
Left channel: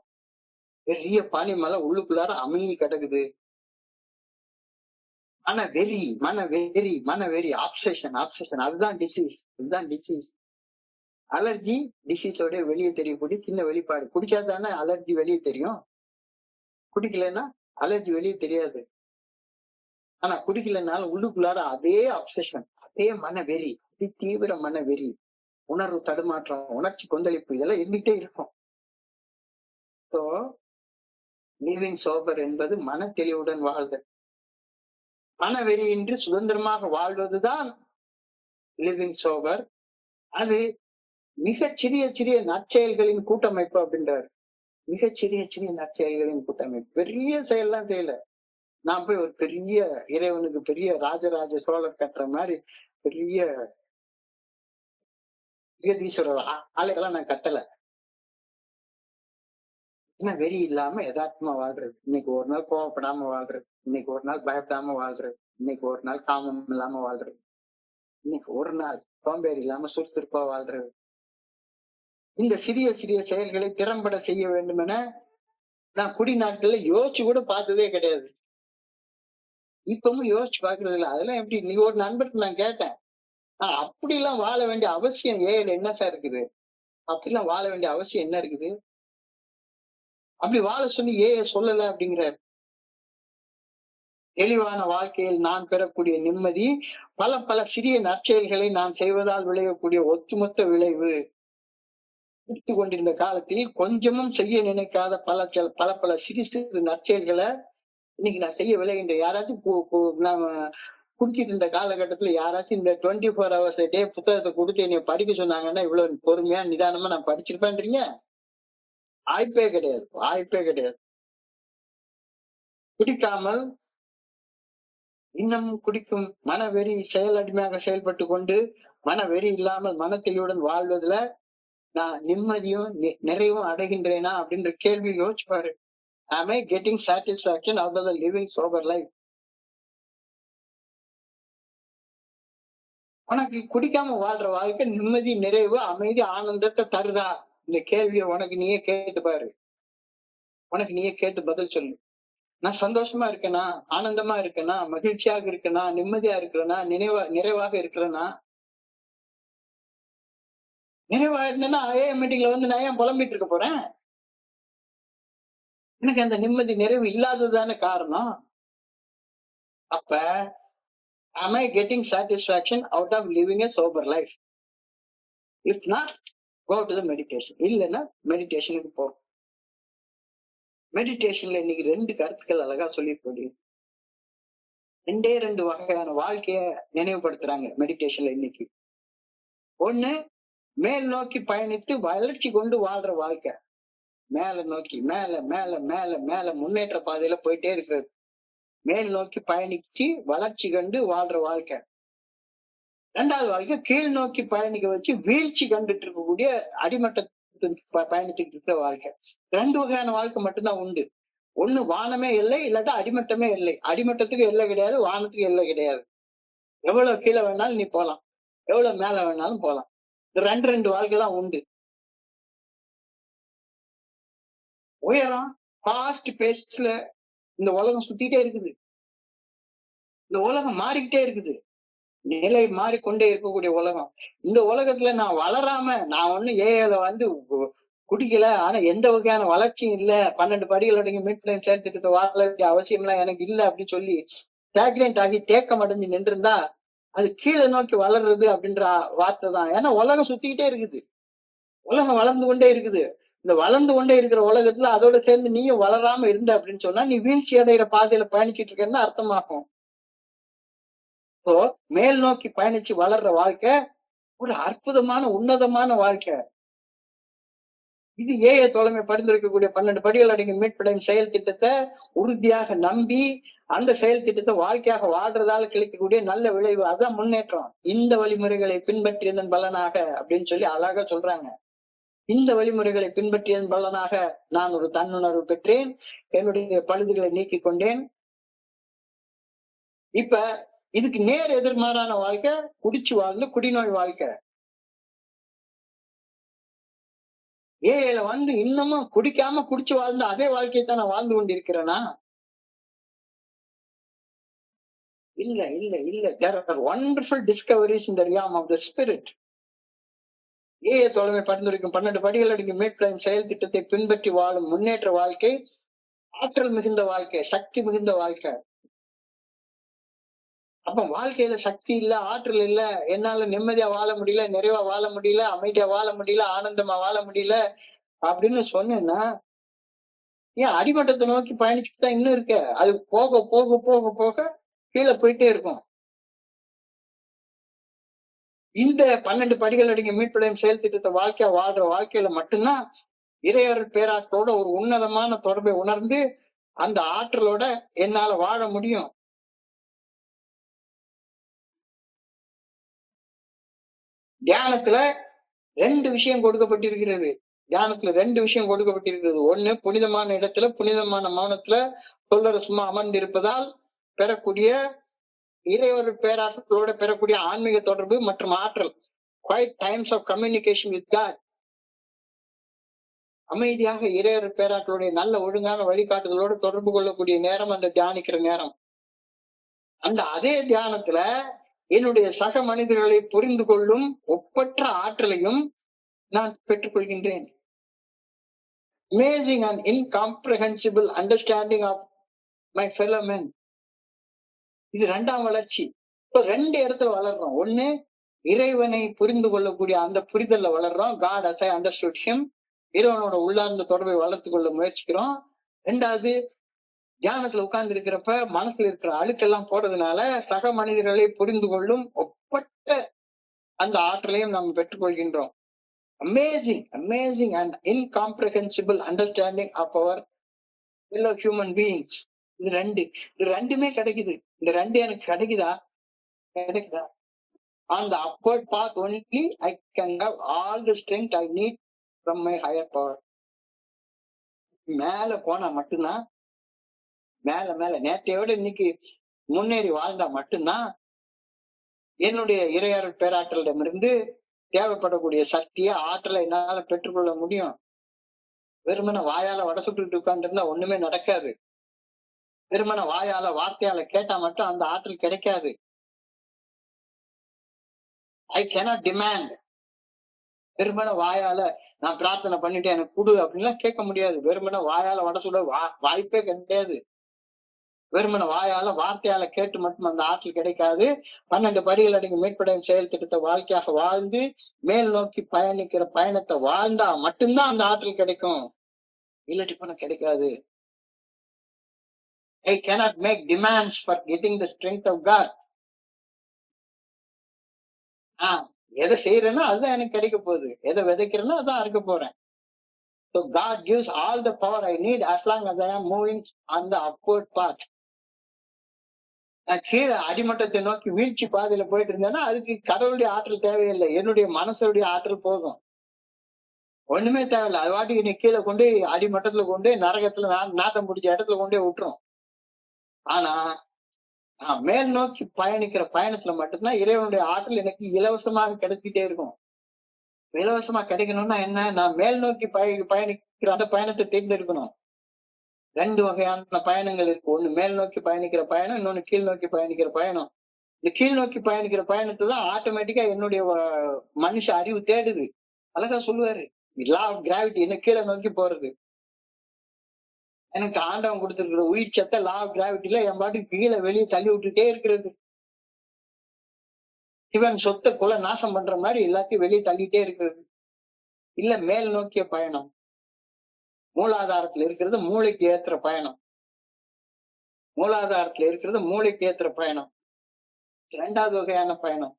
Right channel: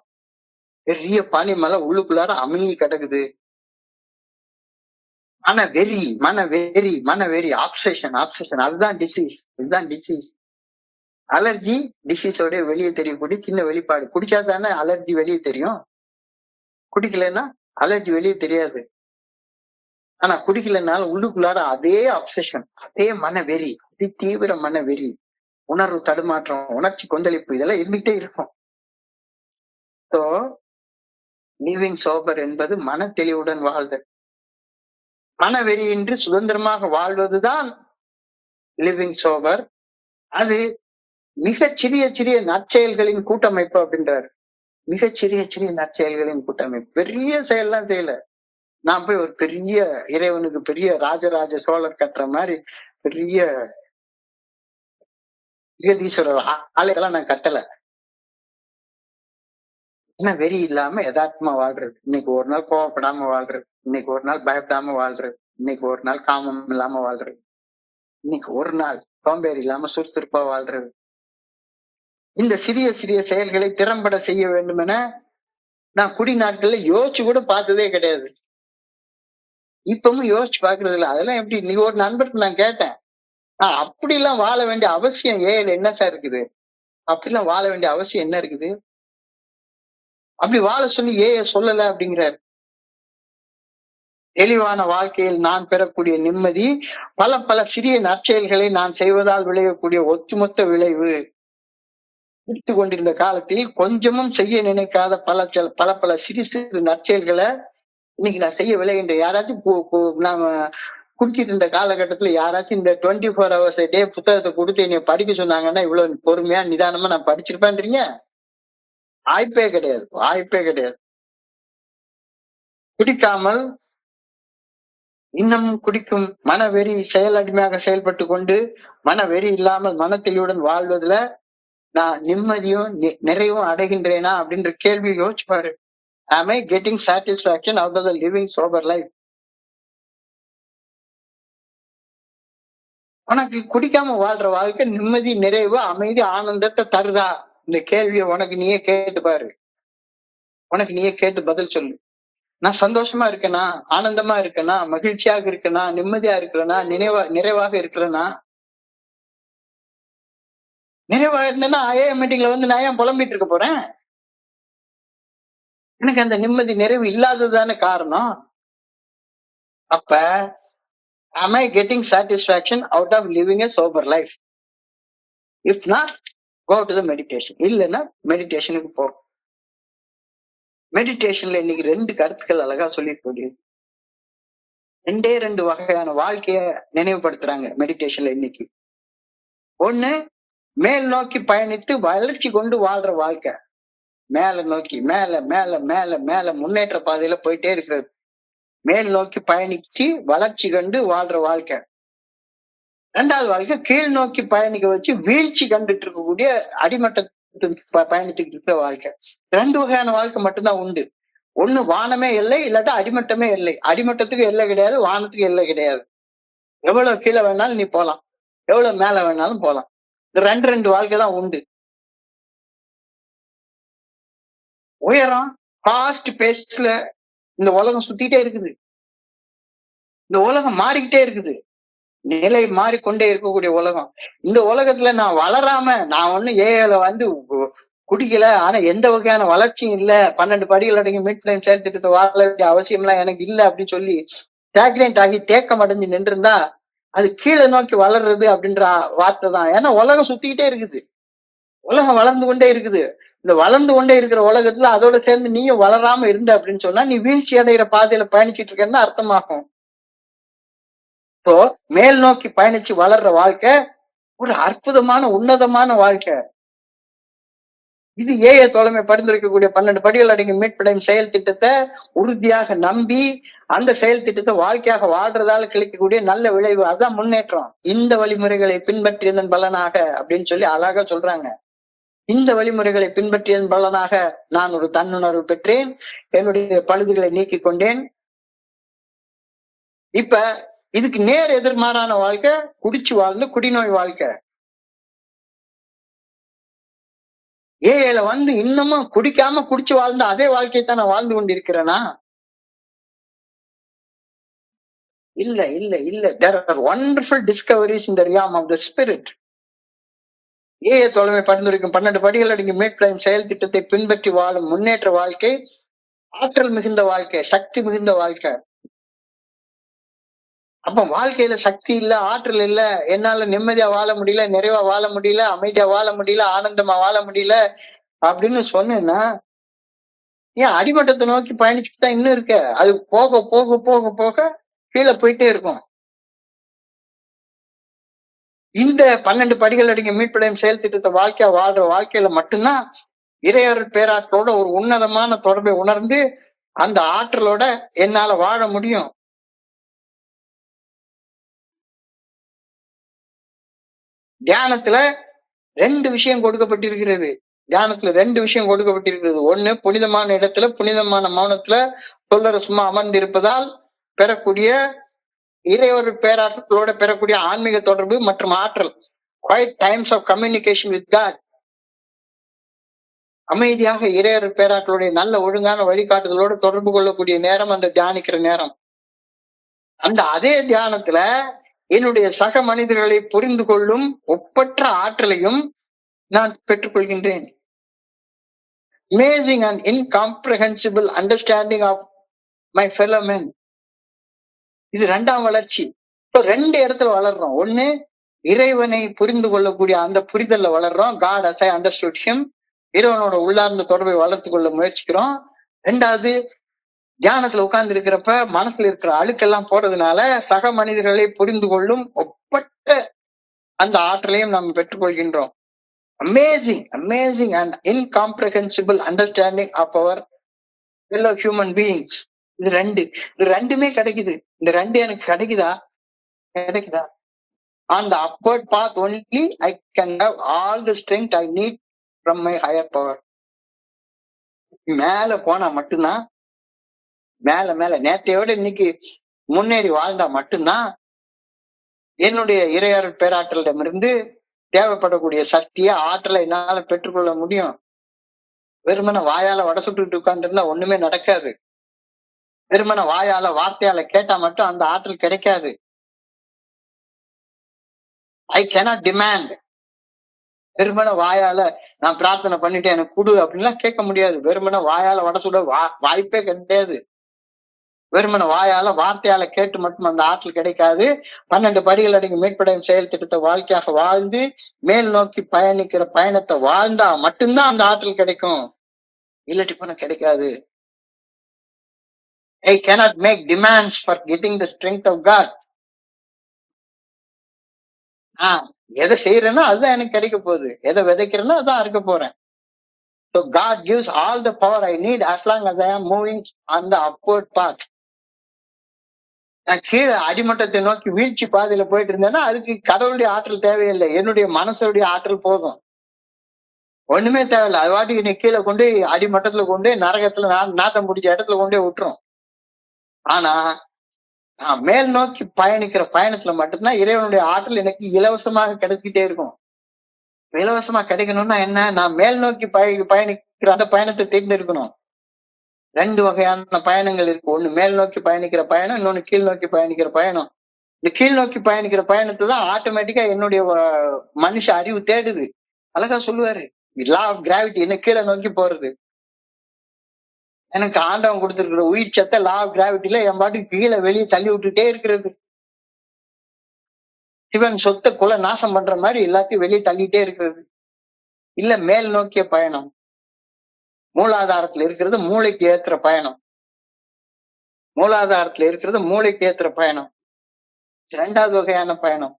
பெரிய பனி மலை உள்ளுக்குள்ளார அமுங்கி கிடக்குது. மனவெறி ஆப்சேஷன் அதுதான் டிசீஸ். அலர்ஜி டிசீஸோட வெளியே தெரியக்கூடிய சின்ன வெளிப்பாடு. குடிச்சா தானே அலர்ஜி வெளியே தெரியும், குடிக்கலன்னா அலர்ஜி வெளியே தெரியாது. ஆனா குடிக்கலனால உள்ளுக்குள்ளார அதே அப்சஷன், அதே மனவெறி, அதி தீவிர மனவெறி, உணர்வு தடுமாற்றம், உணர்ச்சி கொந்தளிப்பு, இதெல்லாம் இருந்துகிட்டே இருக்கும். சோ லிவிங் சோபர் என்பது மன தெளிவுடன் வாழ்தல். மனவெறியின்றி சுதந்திரமாக வாழ்வதுதான் லிவிங் சோபர். அது மிகச்சிறிய நற்செயல்களின் கூட்டமைப்பு அப்படின்றாரு. மிகச்சிறிய நற்செயல்களின் கூட்டமைப்பு. பெரிய செயல்லாம் செய்யல. நான் போய் ஒரு பெரிய இறைவனுக்கு பெரிய ராஜராஜ சோழர் கட்டுற மாதிரி பெரிய ஜெகதீஸ்வரர் ஆலைகள்லாம் நான் கட்டல. ஏன்னா வெறி இல்லாம யதார்த்தமா வாழ்றது. இன்னைக்கு ஒரு நாள் கோவப்படாம வாழ்றது, இன்னைக்கு ஒரு நாள் பயப்படாம வாழ்றது, இன்னைக்கு ஒரு நாள் காமம் இல்லாம வாழ்றது, இன்னைக்கு ஒரு நாள் சோம்பேறி இல்லாம சுறுசுறுப்பா வாழ்றது. இந்த சிறிய செயல்களை திறம்பட செய்ய வேண்டும் என நான் குடி நாட்கள்ல யோசிச்சு கூட பார்த்ததே கிடையாது. இப்பவும் யோசிச்சு பாக்குறது இல்ல. அதெல்லாம் எப்படி? நீ ஒரு நண்பருக்கு நான் கேட்டேன், அப்படி எல்லாம் வாழ வேண்டிய அவசியம் ஏன் என்ன சார் இருக்குது? அப்படிலாம் வாழ வேண்டிய அவசியம் என்ன இருக்குது? அப்படி வாழ சொல்லி சொல்லல அப்படிங்கிறார். தெளிவான வாழ்க்கையில் நான் பெறக்கூடிய நிம்மதி பல சிறிய நற்செயல்களை நான் செய்வதால் விளையக்கூடிய ஒட்டுமொத்த விளைவு. எடுத்து கொண்டிருந்த காலத்தில் கொஞ்சமும் செய்ய நினைக்காத பல சிறு நற்செயல்களை இன்னைக்கு நான் செய்ய விளைகின்ற. யாராச்சும் நாம குடிச்சிட்டு இருந்த காலகட்டத்துல யாராச்சும் இந்த 24 hours a day புத்தகத்தை கொடுத்து என்னை படிக்க சொன்னாங்கன்னா இவ்வளவு பொறுமையா நிதானமா நான் படிச்சிருப்பேன்றீங்க? வாய்ப்பே கிடையாது. குடிக்காமல் இன்னமும் குடிக்கும் மனவெறி செயலடிமையாக செயல்பட்டு கொண்டு மனவெறி இல்லாமல் மனத்தெளிவுடன் வாழ்வதுல நான் நிம்மதியும் நிறைவும் அடைகின்றேனா அப்படின்ற கேள்வி யோசிச்சு பாரு. Am I getting satisfaction out of the living sober life? உனக்கு குடிக்காம வாழ்ற வாழ்க்கை நிம்மதி, நிறைவு, அமைதி, ஆனந்தத்தை தருதா? இந்த கேள்வியை உனக்கு நீயே கேட்டு பாரு. உனக்கு நீயே கேட்டு பதில் சொல்லு. நான் சந்தோஷமா இருக்கேனா, ஆனந்தமா இருக்கேனா, மகிழ்ச்சியாக இருக்கேனா, நிம்மதியா இருக்கிறேனா, நிறைவாக இருக்கிறேனா? நிறைவாக இருந்தேன்னா ஐஏஎம் மீட்டிங்ல நான் ஏன் புலம்பிட்டு இருக்க போறேன்? எனக்கு அந்த நிம்மதி நிறைவு இல்லாததுதானே காரணம். அப்ப am I getting satisfaction out of living a sober life? If not go to the meditation. இல்லைன்னா மெடிடேஷனுக்கு போ. மெடிடேஷன்ல இன்னைக்கு 2 கருத்துக்கள் அழகா சொல்லியிருக்க ரெண்டு வகையான வாழ்க்கைய நினைவுபடுத்துறாங்க மெடிடேஷன்ல இன்னைக்கு. ஒண்ணு, மேல் நோக்கி பயணித்து வளர்ச்சி கொண்டு வாழ்ற வாழ்க்கை. மேல நோக்கி மேல மேல மேல மேல முன்னேற்ற பாதையில போயிட்டே இருக்கிறது. மேல் நோக்கி பயணிச்சு வளர்ச்சி கண்டு வாழ்ற வாழ்க்கை. 2வது வாழ்க்கை கீழ் நோக்கி பயணிக்க வச்சு வீழ்ச்சி கண்டுட்டு இருக்கக்கூடிய அடிமட்டத்துக்கு பயணித்துக்கிட்டு இருக்கிற வாழ்க்கை. 2 வகையான வாழ்க்கை மட்டும்தான் உண்டு. ஒண்ணு வானமே எல்லை, இல்லாட்டா அடிமட்டமே எல்லை. அடிமட்டத்துக்கு எல்லை கிடையாது, வானத்துக்கு எல்லை கிடையாது. எவ்வளவு கீழே வேணாலும் நீ போலாம், எவ்வளவு மேல வேணாலும் போலாம். இந்த 2 வாழ்க்கை தான் உண்டு. உயரம் ஃபாஸ்ட் பேஸ்ல இந்த உலகம் சுத்திட்டே இருக்குது. இந்த உலகம் மாறிக்கிட்டே இருக்குது. நிலை மாறிக்கொண்டே இருக்கக்கூடிய உலகம். இந்த உலகத்துல நான் வளராம, நான் ஒண்ணு ஏல குடிக்கல, ஆனா எந்த வகையான வளர்ச்சியும் இல்ல, 12 படிகள் அடங்கி மீட் டைம் செயல் திட்டத்தை வாழ வேண்டிய அவசியம் எல்லாம் எனக்கு இல்ல அப்படின்னு சொல்லி ஸ்டாக்னேட் ஆகி தேக்கம் அடைஞ்சு நின்று இருந்தா அது கீழே நோக்கி வளர்றது அப்படின்ற வார்த்தை தான். ஏன்னா உலகம் சுத்திக்கிட்டே இருக்குது, உலகம் வளர்ந்து கொண்டே இருக்குது. இந்த வளர்ந்து கொண்டே இருக்கிற உலகத்துல அதோட சேர்ந்து நீயும் வளராம இருந்த அப்படின்னு சொன்னா நீ வீழ்ச்சி அடைகிற பாதையில பயணிச்சுட்டு இருக்கேன்னு அர்த்தமாகும். இப்போ மேல் நோக்கி பயணிச்சு வளர்ற வாழ்க்கை ஒரு அற்புதமான உன்னதமான வாழ்க்கை. இது ஏஐ தோழமை பரிந்துரைக்கக்கூடிய 12 படிகள் அடங்கிய மீட்படையும் செயல் திட்டத்தை உறுதியாக நம்பி அந்த செயல் திட்டத்தை வாழ்க்கையாக வாழ்றதால கிடைக்கக்கூடிய நல்ல விளைவு. அதான் முன்னேற்றம். இந்த வழிமுறைகளை பின்பற்றியதன் பலனாக அப்படின்னு சொல்லி அழகா சொல்றாங்க. இந்த வழிமுறைகளை பின்பற்றியதன் பலனாக நான் ஒரு தன்னுணர்வு பெற்றேன், என்னுடைய பழுதுகளை நீக்கிக் கொண்டேன். இப்ப இதுக்கு நேர் எதிர்மாறான வாழ்க்கை குடிச்சு வாழ்ந்து குடிநோய் வாழ்க்கை. ஏஐல இன்னமும் குடிக்காம குடிச்சு வாழ்ந்த அதே வாழ்க்கையை தான் நான் வாழ்ந்து கொண்டிருக்கிறேனா? இல்ல இல்ல இல்ல. There are wonderful discoveries in the realm of the spirit. AI தோழமை பரிந்துரைக்கும் 12 படிகள் அடங்கிய மீட்படையும் செயல் திட்டத்தை பின்பற்றி வாழும் முன்னேற்ற வாழ்க்கை ஆற்றல் மிகுந்த வாழ்க்கை, சக்தி மிகுந்த வாழ்க்கை. அப்ப வாழ்க்கையில சக்தி இல்ல, ஆற்றல் இல்ல, என்னால நிம்மதியா வாழ முடியல, நிறைவா வாழ முடியல, அமைதியா வாழ முடியல, ஆனந்தமா வாழ முடியல அப்படின்னு சொன்னேன்னா ஏன் அடிமட்டத்தை நோக்கி பயணிச்சுட்டு தான் இன்னும் இருக்க. அது போக போக போக போக கீழே போயிட்டே இருக்கும். இந்த 12 படிகள் அடங்கிய மீட்படையும் செயல் திட்டத்தை வாழ்க்கையா வாழ்ற வாழ்க்கையில மட்டும்தான் இறையருள் பேராற்றலோட ஒரு உன்னதமான தொடர்பை உணர்ந்து அந்த ஆற்றலோட என்னால வாழ முடியும். தியானத்துல 2 விஷயம் கொடுக்கப்பட்டிருக்கிறது. தியானத்துல 2 விஷயம் கொடுக்கப்பட்டிருக்கிறது. ஒண்ணு, புனிதமான இடத்துல புனிதமான மௌனத்துல சொல்லற சும்மா அமர்ந்து இருப்பதால் பெறக்கூடிய இறையொரு பேராற்றலோட பெறக்கூடிய ஆன்மீக தொடர்பு மற்றும் ஆற்றல். Quiet times of communication with God. அமைதியாக இறையொரு பேராற்றலுடைய நல்ல ஒழுங்கான வழிகாட்டுதலோடு தொடர்பு கொள்ளக்கூடிய நேரம் அந்த தியானிக்கிற நேரம். அந்த அதே தியானத்துல என்னுடைய சக மனிதர்களை புரிந்து கொள்ளும் ஒப்பற்ற ஆற்றலையும் நான் பெற்றுக்கொள்கின்றேன். Amazing and incomprehensible understanding of my fellow men. இது 2ஆம் வளர்ச்சி. இப்போ 2 இடத்துல வளர்றோம். ஒண்ணு, இறைவனை புரிந்து கொள்ளக்கூடிய அந்த புரிதல்ல வளர்றோம். God as I understood him. இறைவனோட உள்ளார்ந்த தொடர்பை வளர்த்து கொள்ள முயற்சிக்கிறோம். 2வது, தியானத்துல உட்கார்ந்து இருக்கிறப்ப மனசுல இருக்கிற அழுக்கெல்லாம் போறதுனால சக மனிதர்களை புரிந்து கொள்ளும் ஒப்பற்ற அந்த ஆற்றலையும் நாம் பெற்றுக்கொள்கின்றோம். Amazing, amazing and incomprehensible understanding of our fellow human beings. இது 2. இது 2மே கிடைக்குது. இந்த 2 எனக்கு கிடைக்குதா? On the upward path only I can have all the strength I need from my higher power. மேல போனா மட்டும்தான், மேல நேற்றையோட இன்னைக்கு முன்னேறி வாழ்ந்தா மட்டும்தான் என்னுடைய இறையருள் பேராற்றலிடமிருந்து தேவைப்படக்கூடிய சக்தியை ஆற்றலை என்னால பெற்றுக்கொள்ள முடியும். வெறுமன வாயால வடை சுட்டுட்டு உட்கார்ந்து இருந்தா ஒண்ணுமே நடக்காது. வெறுமன வாயால வார்த்தையால கேட்டா மட்டும் அந்த ஆற்றல் கிடைக்காது. I cannot demand. வெறுமன வாயால நான் பிரார்த்தனை பண்ணிட்டு எனக்கு கொடு அப்படின்லாம் கேட்க முடியாது. வெறுமன வாயால வடை சுட வாய்ப்பே கிடையாது. வெறுமன வாயால வார்த்தையால கேட்டு மட்டும் அந்த ஆற்றல் கிடைக்காது. 12 படிகள் அடங்கிய மீட்படையும் செயல் திட்டத்தை வாழ்க்கையாக வாழ்ந்து மேல் நோக்கி பயணிக்கிற பயணத்தை வாழ்ந்தா மட்டும்தான் அந்த ஆற்றல் கிடைக்கும். இல்லாட்டி பண்ண கிடைக்காது. I cannot make demands for getting the strength of God. எதை செய்யறேன்னா அதுதான் எனக்கு கிடைக்க போகுது. எதை விதைக்கிறேன்னா அதான் அறுக்க போறேன். So God gives all the power I need as long as I am moving on the upward path. நான் கீழே அடிமட்டத்தை நோக்கி வீழ்ச்சி பாதையில போயிட்டு இருந்தேன்னா அதுக்கு கடவுளுடைய ஆற்றல் தேவையில்லை. என்னுடைய மனசுடைய ஆற்றல் போதும். ஒண்ணுமே தேவையில்லை. அது வாட்டி என்னை கீழே கொண்டு அடிமட்டத்துல கொண்டு நரகத்துல நாத்தம் பிடிச்ச இடத்துல கொண்டே விட்டுரும். ஆனா நான் மேல் நோக்கி பயணிக்கிற பயணத்துல மட்டும்தான் இறைவனுடைய ஆற்றல் எனக்கு இலவசமாக கிடைச்சிக்கிட்டே இருக்கும். இலவசமா கிடைக்கணும்னா என்ன? நான் மேல் நோக்கி பயணிக்கிற அந்த பயணத்தை தேர்ந்தெடுக்கணும். 2 வகையான பயணங்கள் இருக்கு. ஒண்ணு மேல் நோக்கி பயணிக்கிற பயணம், இன்னொன்னு கீழ் நோக்கி பயணிக்கிற பயணம். இந்த கீழ் நோக்கி பயணிக்கிற பயணத்தை தான் ஆட்டோமேட்டிக்கா என்னுடைய மனுஷ அறிவு தேடுது. அழகா சொல்லுவாரு, லா ஆஃப் கிராவிட்டி, என்ன கீழே நோக்கி போறது. எனக்கு ஆண்டவன் கொடுத்திருக்கிற உயிர் சத்த லா ஆஃப் கிராவிட்டில என் பாட்டுக்கு கீழே வெளியே தள்ளி விட்டுட்டே இருக்கிறது. சிவன் சொத்தை குல நாசம் பண்ற மாதிரி எல்லாத்தையும் வெளியே தள்ளிட்டே இருக்கிறது. இல்ல மேல் நோக்கிய பயணம், மூலாதாரத்துல இருக்கிறது மூளைக்கு ஏத்துற பயணம். மூலாதாரத்துல இருக்கிறது மூளைக்கு ஏத்துற பயணம். 2வது வகையான பயணம்.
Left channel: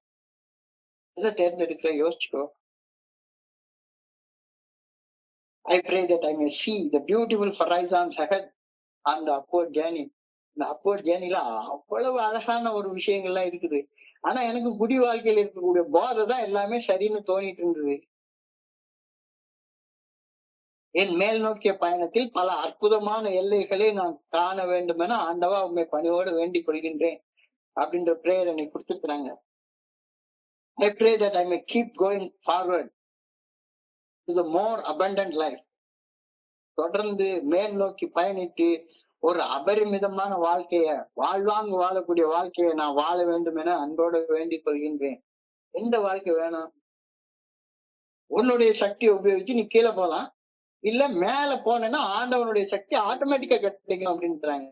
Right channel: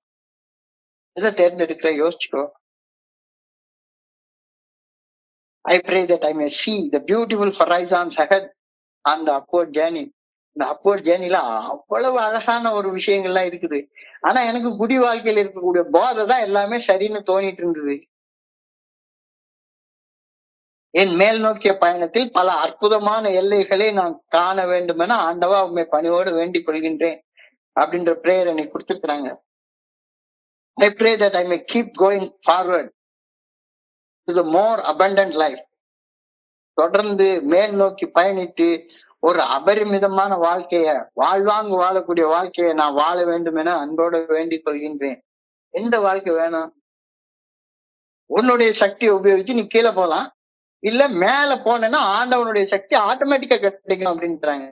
எதை தேர்ந்தெடுக்கிற யோசிச்சுக்கோ. I pray that I may see the beautiful horizons ahead on the upward journey. இந்த upward journeyல அவ்வளவு அழகான ஒரு விஷயங்கள்லாம் இருக்குது. ஆனா எனக்கு குடி வாழ்க்கையில இருக்கக்கூடிய போதை தான் எல்லாமே சரின்னு தோணிட்டு இருந்தது. என் மேல் நோக்கிய பயணத்தில் பல அற்புதமான எல்லைகளை நான் காண வேண்டும் என ஆண்டவா உண்மை பணியோடு வேண்டிக் கொள்கின்றேன் அப்படின்ற பிரேயர் எனக்கு கொடுத்துருக்காங்க. I pray that I may keep going forward to the more abundant life. தொடர்ந்து மேல் நோக்கி பயணித்து ஒரு அபரிமிதமான வாழ்க்கைய, வாழ்வாங்கு வாழக்கூடிய வாழ்க்கையை நான் வாழ வேண்டும் என அன்போடு வேண்டிக் கொள்கின்றேன். எந்த வாழ்க்கை வேணும்? உன்னுடைய சக்தியை உபயோகிச்சு நீ கீழே போலாம், இல்ல மேல போனேன்னா ஆண்டவனுடைய சக்தி ஆட்டோமேட்டிக்கா கிடைக்கும் அப்படின்றாங்க.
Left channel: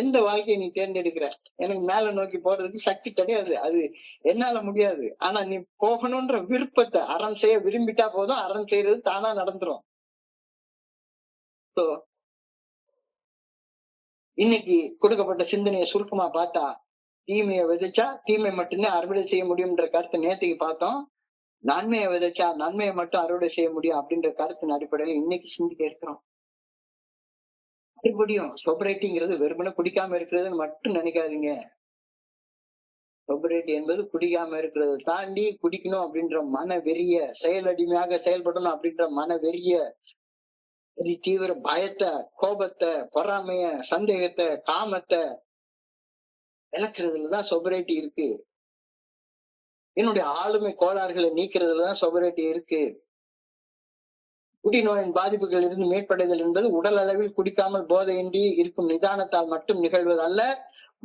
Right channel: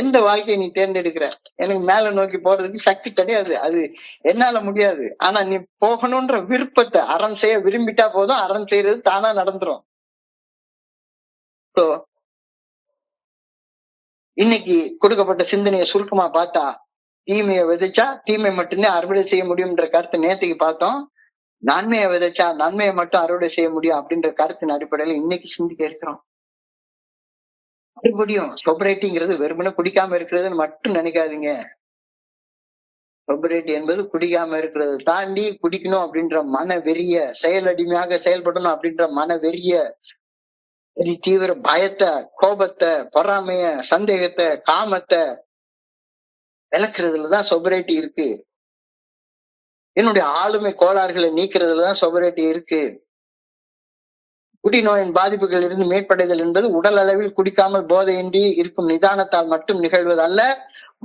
எந்த வாழ்க்கையை நீ தேர்ந்தெடுக்கிற? எனக்கு மேல நோக்கி போறதுக்கு சக்தி கிடையாது, அது என்னால முடியாது. ஆனா நீ போகணும்ன்ற விருப்பத்தை அறம் செய்ய விரும்பிட்டா போதும், அறம் செய்யறது தானா நடந்துரும். இன்னைக்கு கொடுக்கப்பட்ட சிந்தனையை சுருக்கமா பார்த்தா, தீமையை விதைச்சா தீமை மட்டும்தான் அறுவடை செய்ய முடியும்ன்ற கருத்தை நேற்றுக்கு பார்த்தோம். நன்மையை விதைச்சா நன்மையை மட்டும் அறுவடை செய்ய முடியும் அப்படின்ற கருத்தின் அடிப்படையில இன்னைக்கு சிந்திக்க இருக்கிறோம். மறுபடியும் சொபரேட்டிங்கிறது வெறுமனே குடிக்காம இருக்கிறதுன்னு மட்டும் நினைக்காதீங்க. சொபரேட்டி என்பது குடிக்காம இருக்கிறது தாண்டி குடிக்கணும் அப்படின்ற மன வெறிய, செயலடிமையாக செயல்படணும் அப்படின்ற மன வெறிய, தீவிர பயத்தை, கோபத்தை, பொறாமைய, சந்தேகத்தை, காமத்தை விளக்குறதுலதான் சொபரேட்டி இருக்கு. என்னுடைய ஆளுமை கோளாறுகளை நீக்கிறதுலதான் சொபரேட்டி இருக்கு. குடிநோயின் பாதிப்புகள் இருந்து மீட்படைதல் என்பது உடல் அளவில் குடிக்காமல் போதையின்றி இருக்கும் நிதானத்தால் மட்டும் நிகழ்வது அல்ல,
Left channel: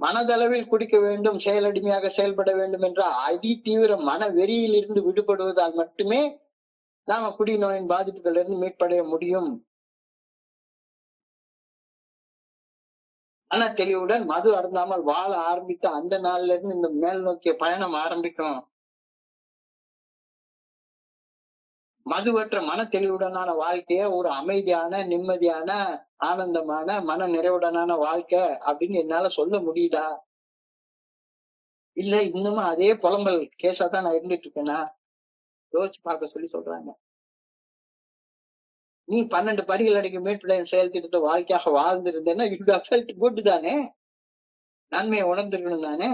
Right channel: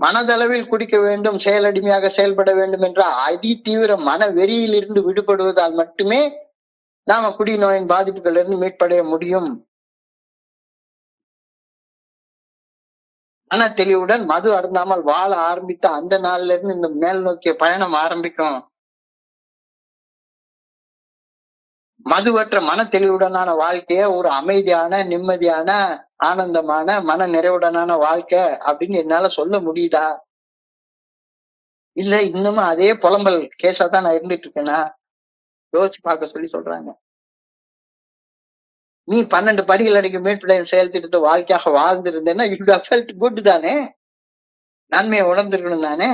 மனதளவில் குடிக்க வேண்டும், செயலடிமையாக செயல்பட வேண்டும் என்ற அதி தீவிர மன வெறியில் இருந்து விடுபடுவதால் மட்டுமே நாம குடிநோயின் பாதிப்புகள் இருந்து மீட்படைய முடியும். மன தெளிவுடன் மது அருந்தாமல் வாழ ஆரம்பித்த அந்த நாள்ல இருந்து இந்த மேல் நோக்கிய பயணம் ஆரம்பிக்கும். மதுவற்ற மன தெளிவுடனான வாழ்க்கைய ஒரு அமைதியான, நிம்மதியான, ஆனந்தமான, மன நிறைவுடனான வாழ்க்கை அப்படின்னு என்னால சொல்ல முடியுதா? இல்ல இன்னமும் அதே புலம்பல் கேஸா தான் நான் இருந்துட்டு இருக்கேனா? யோசிச்சு பார்க்க சொல்லி சொல்றாங்க. நீ 12 படிகள் அடிக்கும் மீட்புடைய செயல் திட்டத்தை வாழ்க்கையாக வாழ்ந்திருந்தேன்னா யூ ஹேவ் ஃபெல்ட் குட் தானே, நன்மையை உணர்ந்திருக்கணும் தானே.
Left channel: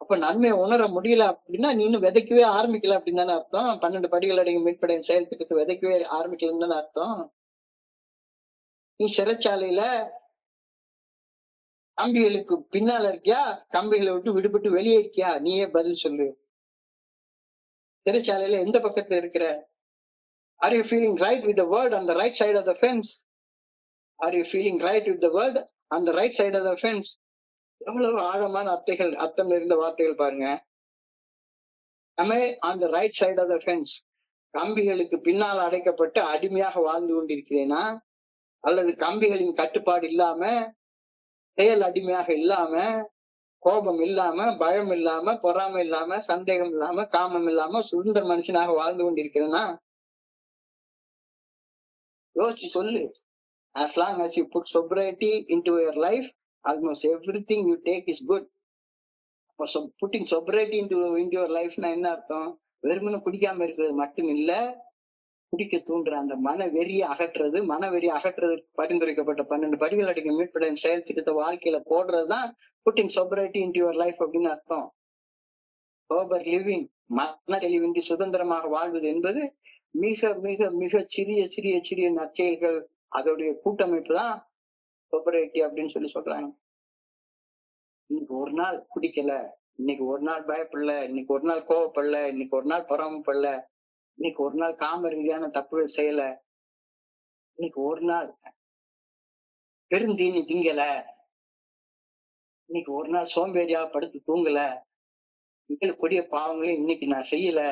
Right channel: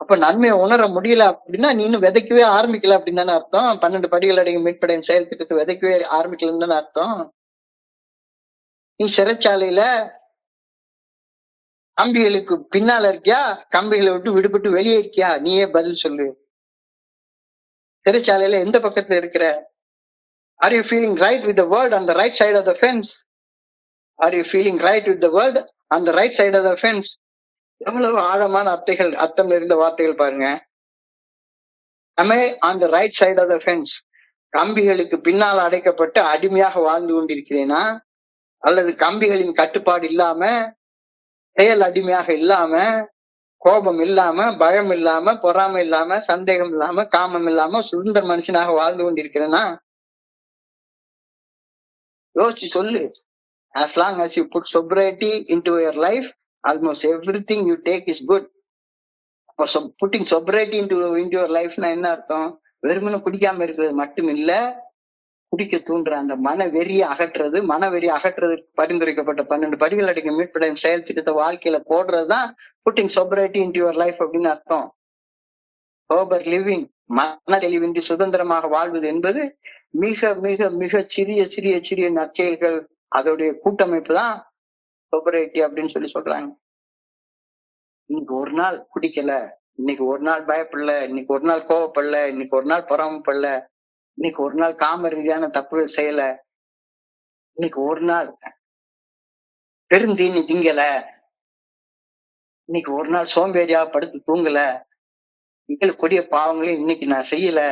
அப்ப நன்மையை உணர முடியல அப்படின்னா நீ இன்னும் விதைக்கவே ஆரம்பிக்கல அப்படின்னு தானே அர்த்தம். 12 படிகள் அடையும் மீட்படையும் செயல் திட்டத்தை விதைக்கவே ஆரம்பிக்கலன்னு தானே அர்த்தம். நீ சிறைச்சாலையில கம்பிகளுக்கு பின்னால இருக்கியா, கம்பிகளை விட்டு விடுபட்டு வெளியே இருக்கியா? நீயே பதில் சொல்லு. சிறைச்சாலையில எந்த பக்கத்துல இருக்கிற? Are you feeling right with the world on the right side of the fence? Are you feeling right with the world on the right side of the fence? எவ்வளவு ஆழமான அர்த்தம் நிறைந்த வார்த்தைகள் பாருங்க. Am I on the right side of the fence? கம்பிகளுக்கு பின்னால் அடைக்கப்பட்டு அடிமையாக வாழ்ந்து கொண்டிருக்கிறேனா, அல்லது கம்பிகளின் கட்டுப்பாடு இல்லாம செயல் அடிமையாக இல்லாம, கோபம் இல்லாம, பயம் இல்லாம, பொறாமை இல்லாம, சந்தேகம் இல்லாம, காமம் இல்லாம சுதந்திர மனுஷனாக வாழ்ந்து கொண்டிருக்கிறேன்னா யோசிச்சு சொல்லு. As long as you put sobriety into your life, almost everything you take is good. Pudding sobriety into your lifeனா என்ன அர்த்தம்? வெறுமனே குடிக்காம இருக்கிறது மட்டும் இல்ல, குடிக்க தூண்டுற அந்த மனவெறியை அகற்றுறது. மனவெறி அகற்றுறதுக்கு பரிந்துரைக்கப்பட்ட 12 படிகள் அடங்கிய மீட்படையும் செயல் திட்டத்தை வாழ்க்கையில போடுறதுதான் pudding sobriety into your life அப்படின்னு அர்த்தம். sober living, மன தெளிவின்றி சுதந்திரமாக வாழ்வது என்பது மிக மிக மிக சிறிய சிறிய சிறிய நற்செயல்கள், அதோடைய கூட்டமைப்பு தான் sobriety அப்படின்னு சொல்றாங்க. இன்னைக்கு ஒரு நாள் குடிக்கல, இன்னைக்கு ஒரு நாள் பயப்படல, இன்னைக்கு ஒரு நாள் கோவப்படல, இன்னைக்கு ஒரு நாள் பொறாமப்படல, இன்னைக்கு ஒரு நாள் காம ரீதியான தப்புகள் செய்யல, இன்னைக்கு ஒரு நாள் பெருந்தீனி திங்கல, இன்னைக்கு ஒரு நாள் சோம்பேறியா படுத்து தூங்கல, கொடிய பாவங்களையும் இன்னைக்கு நான் செய்யல,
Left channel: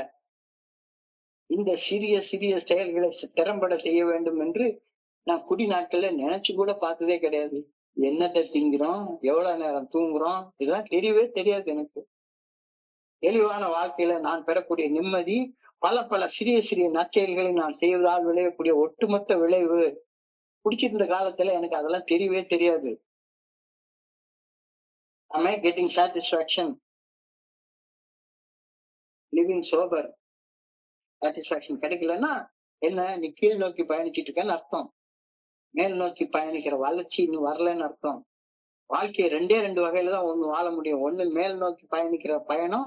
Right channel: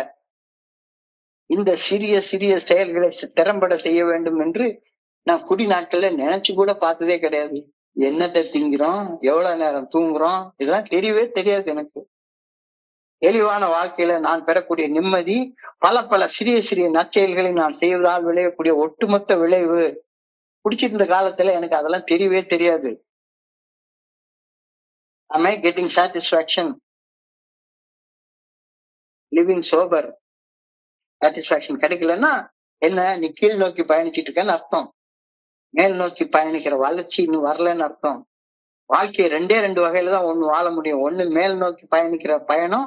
இந்த சிறிய சிறிய செயல்களை திறம்பட செய்ய வேண்டும் என்று நான் குடி நாட்கள்ல நினைச்சு கூட பார்த்ததே கிடையாது. என்னத்தை திங்கிறோம், எவ்வளவு நேரம் தூங்குறோம், இதெல்லாம் தெரியவே தெரியாது எனக்கு. தெளிவான வாழ்க்கையில நான் பெறக்கூடிய நிம்மதி பல பல சிறிய சிறிய நற்செயல்களை நான் செய்வதால் விளையக்கூடிய ஒட்டுமொத்த விளைவு. குடிச்சிட்டு இருந்த காலத்துல எனக்கு அதெல்லாம் தெரியவே தெரியாது. Am I getting satisfaction? Living sober. Satisfaction கிடைக்கலன்னா என்ன, நீ கீழ் நோக்கி பயணிச்சிட்டு இருக்கேன்னு அர்த்தம். மேல் நோக்கி பயணிக்கிற வளர்ச்சி இன்னும் வரலன்னு அர்த்தம். வாழ்க்கையை 2 வகையில தான் ஒண்ணு வாழ முடியும். ஒண்ணு மேல் நோக்கி பயணிக்கிற பயணம்,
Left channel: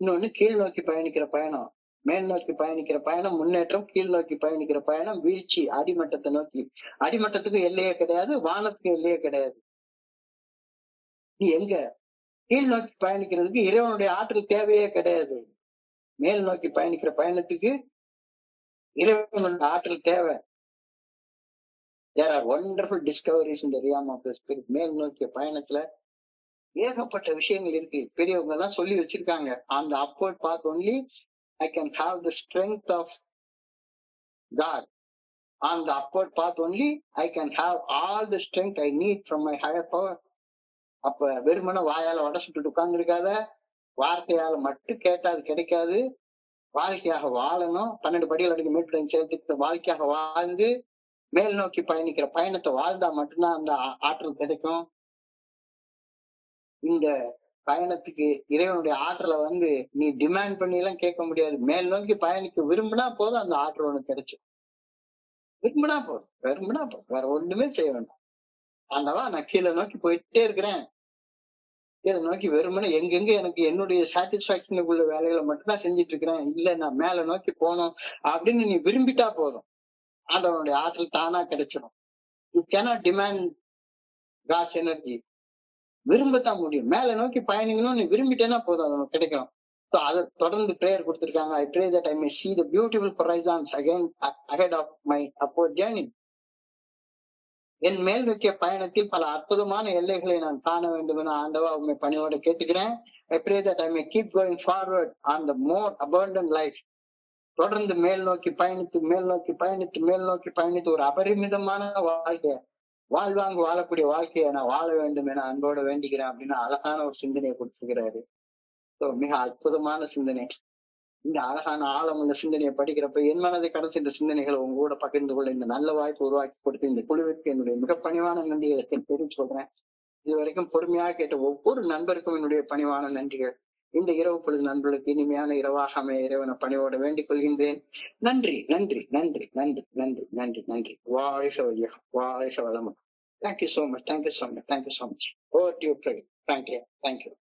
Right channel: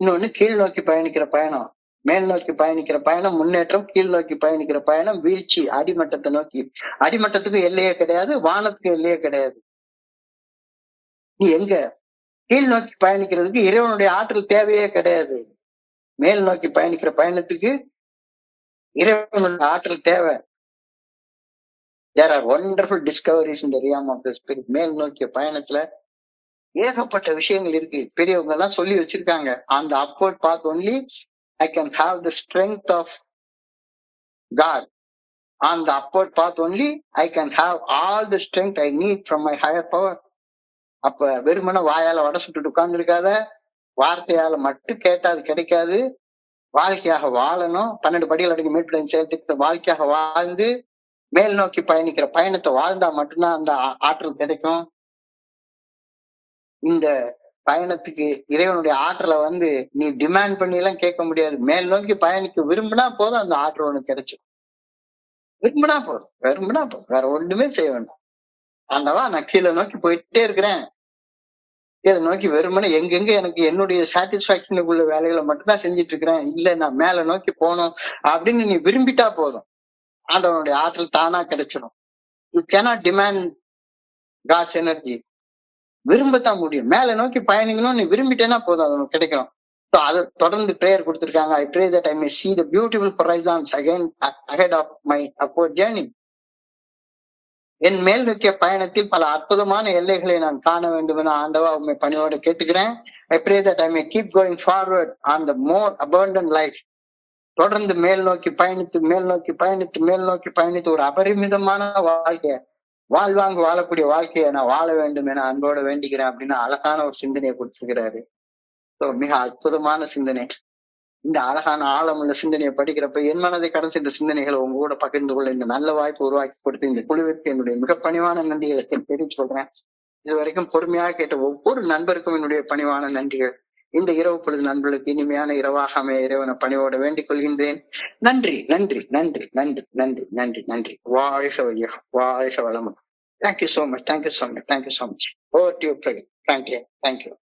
இன்னொன்னு கீழ் நோக்கி பயணிக்கிற பயணம். மேல் நோக்கி பயணிக்கிற பயணம் முன்னேற்றம், கீழ் நோக்கி பயணிக்கிற பயணம் வீழ்ச்சி, அடிமட்டத்தை நோக்கி. அடிமட்டத்துக்கு எல்லையே கிடையாது, வானத்துக்கு எல்லையே கிடையாது. நீ எங்க கீழ் நோக்கி பயணிக்கிறதுக்கு இறைவனுடைய ஆற்றல் தேவையே கிடையாது. மேல் நோக்கி பயணிக்கிற பயணத்துக்கு இறைவனுடைய ஆற்றல் தேவை. There are wonderful discoveries in the realm of the spirit. மேல் நோக்கிய பயணத்துல ஏகப்பட்ட விஷயங்கள் இருக்கு. பெரியவங்க எல்லாம் சொல்லி வச்சிருக்காங்க. On the upward path only I can have the strength of God. On the upward path only I can have all the strength I need from my higher power. அப்ப வெறுமன வாயால வடை சுட்டுட்டு உட்கார்ந்து இருக்காத, வார்த்தையால மட்டும் கேட்டா அது கிடைக்காது. வாழ்க்கையாக வாழணும். 12 படிகள் அடங்கி மீட்படையும் செயல் திட்டத்தை வாழ்க்கையாக வாழ்ந்து மேல் நோக்கி பயணிக்கிற பயணத்தை வாழ்ந்தா மட்டும்தான் அந்த ஆற்றல் கிடைக்கும். இந்த பயணத்துக்கு இறைவனுடைய ஆற்றலை நீ டிமாண்ட் பண்ணி எல்லாம் கேட்க முடியாது. மேல் நோக்கி பயணிக்க விரும்பினா போதும், அந்த ஆற்றல் உனக்கு கிடைச்சிடும். விரும்பினா போதும், வேற ஒண்ணுமே செய்ய வேண்டாம். ஆண்டவா, நான் கீழே நோக்கி போயிட்டே இருக்கிறேன், கீழே நோக்கி வெறுமனே எங்கெங்க எனக்கு என்னுடைய சாட்டிஸ்பாக்சனுக்குள்ள வேலைகளை மட்டும்தான் செஞ்சுட்டு இருக்கிறேன், இல்ல நான் மேல நோக்கி போகணும் அப்படின்னு நீ விரும்பிட்டா போதும், ஆண்டவனுடைய ஆற்றல் தானா கிடைச்சிடும். You cannot demand God's energy. விரும்பத்தான் முடியும். மேல நோக்கி பயணிக்கணும் நீ விரும்பிட்டேன்னா போதும், அது உனக்கு கிடைக்கும். அதை தொடர்ந்து பிரேயர் கொடுத்திருக்காங்க. I pray that I may see the beautiful horizons again ahead of my upward journey. என் மேல் நோக்கிய பயணத்தில் பல அற்புதமான எல்லைகளை நான் காண வேண்டும் என ஆண்டவா உண்மை பணியோடு கேட்டுக்கிறேன். I pray that I may keep going forward on the more abundant life. தொடர்ந்து மேல் நோக்கி பயணித்து ஒரு அபரிமிதமான வாழ்க்கைய வாழ்வாங்கு வாழக்கூடிய வாழ்க்கையை நான் வாழ வேண்டும் என அன்போடு வேண்டிக்கிறேன் அப்படின்னு அழகான ஒரு சிந்தனையை கொடுத்திருக்கிறாரு. மிக அற்புதமான சிந்தனை. இந்த அழகான ஆழமுள்ள சிந்தனையை படிக்கிறப்ப என் மனதை கடந்த இந்த சிந்தனைகளை உங்க கூட பகிர்ந்து கொள்ள இந்த நல்ல வாய்ப்பு உருவாக்கி கொடுத்து இந்த குழுவிற்கு என்னுடைய மிக பணிவான நன்றிகளை தெரிவித்து சொல்றேன். இதுவரைக்கும் பொறுமையாக கேட்ட ஒவ்வொரு நண்பருக்கும் என்னுடைய பணிவான நன்றிகள். இந்த இரவு பொழுது நண்பர்களுக்கு இனிமையான இரவாக அமைய இறைவனை பணிவோட வேண்டிக் கொள்கின்றேன். நன்றி நன்றி நன்றி நன்றி நன்றி நன்றி நன்றி. வாழ்க வையகம், வாழ்க வளமுடன். Thank you so much. Thank you so much. Thank you so much. Over to you, Pradeep. Thank you. Thank you.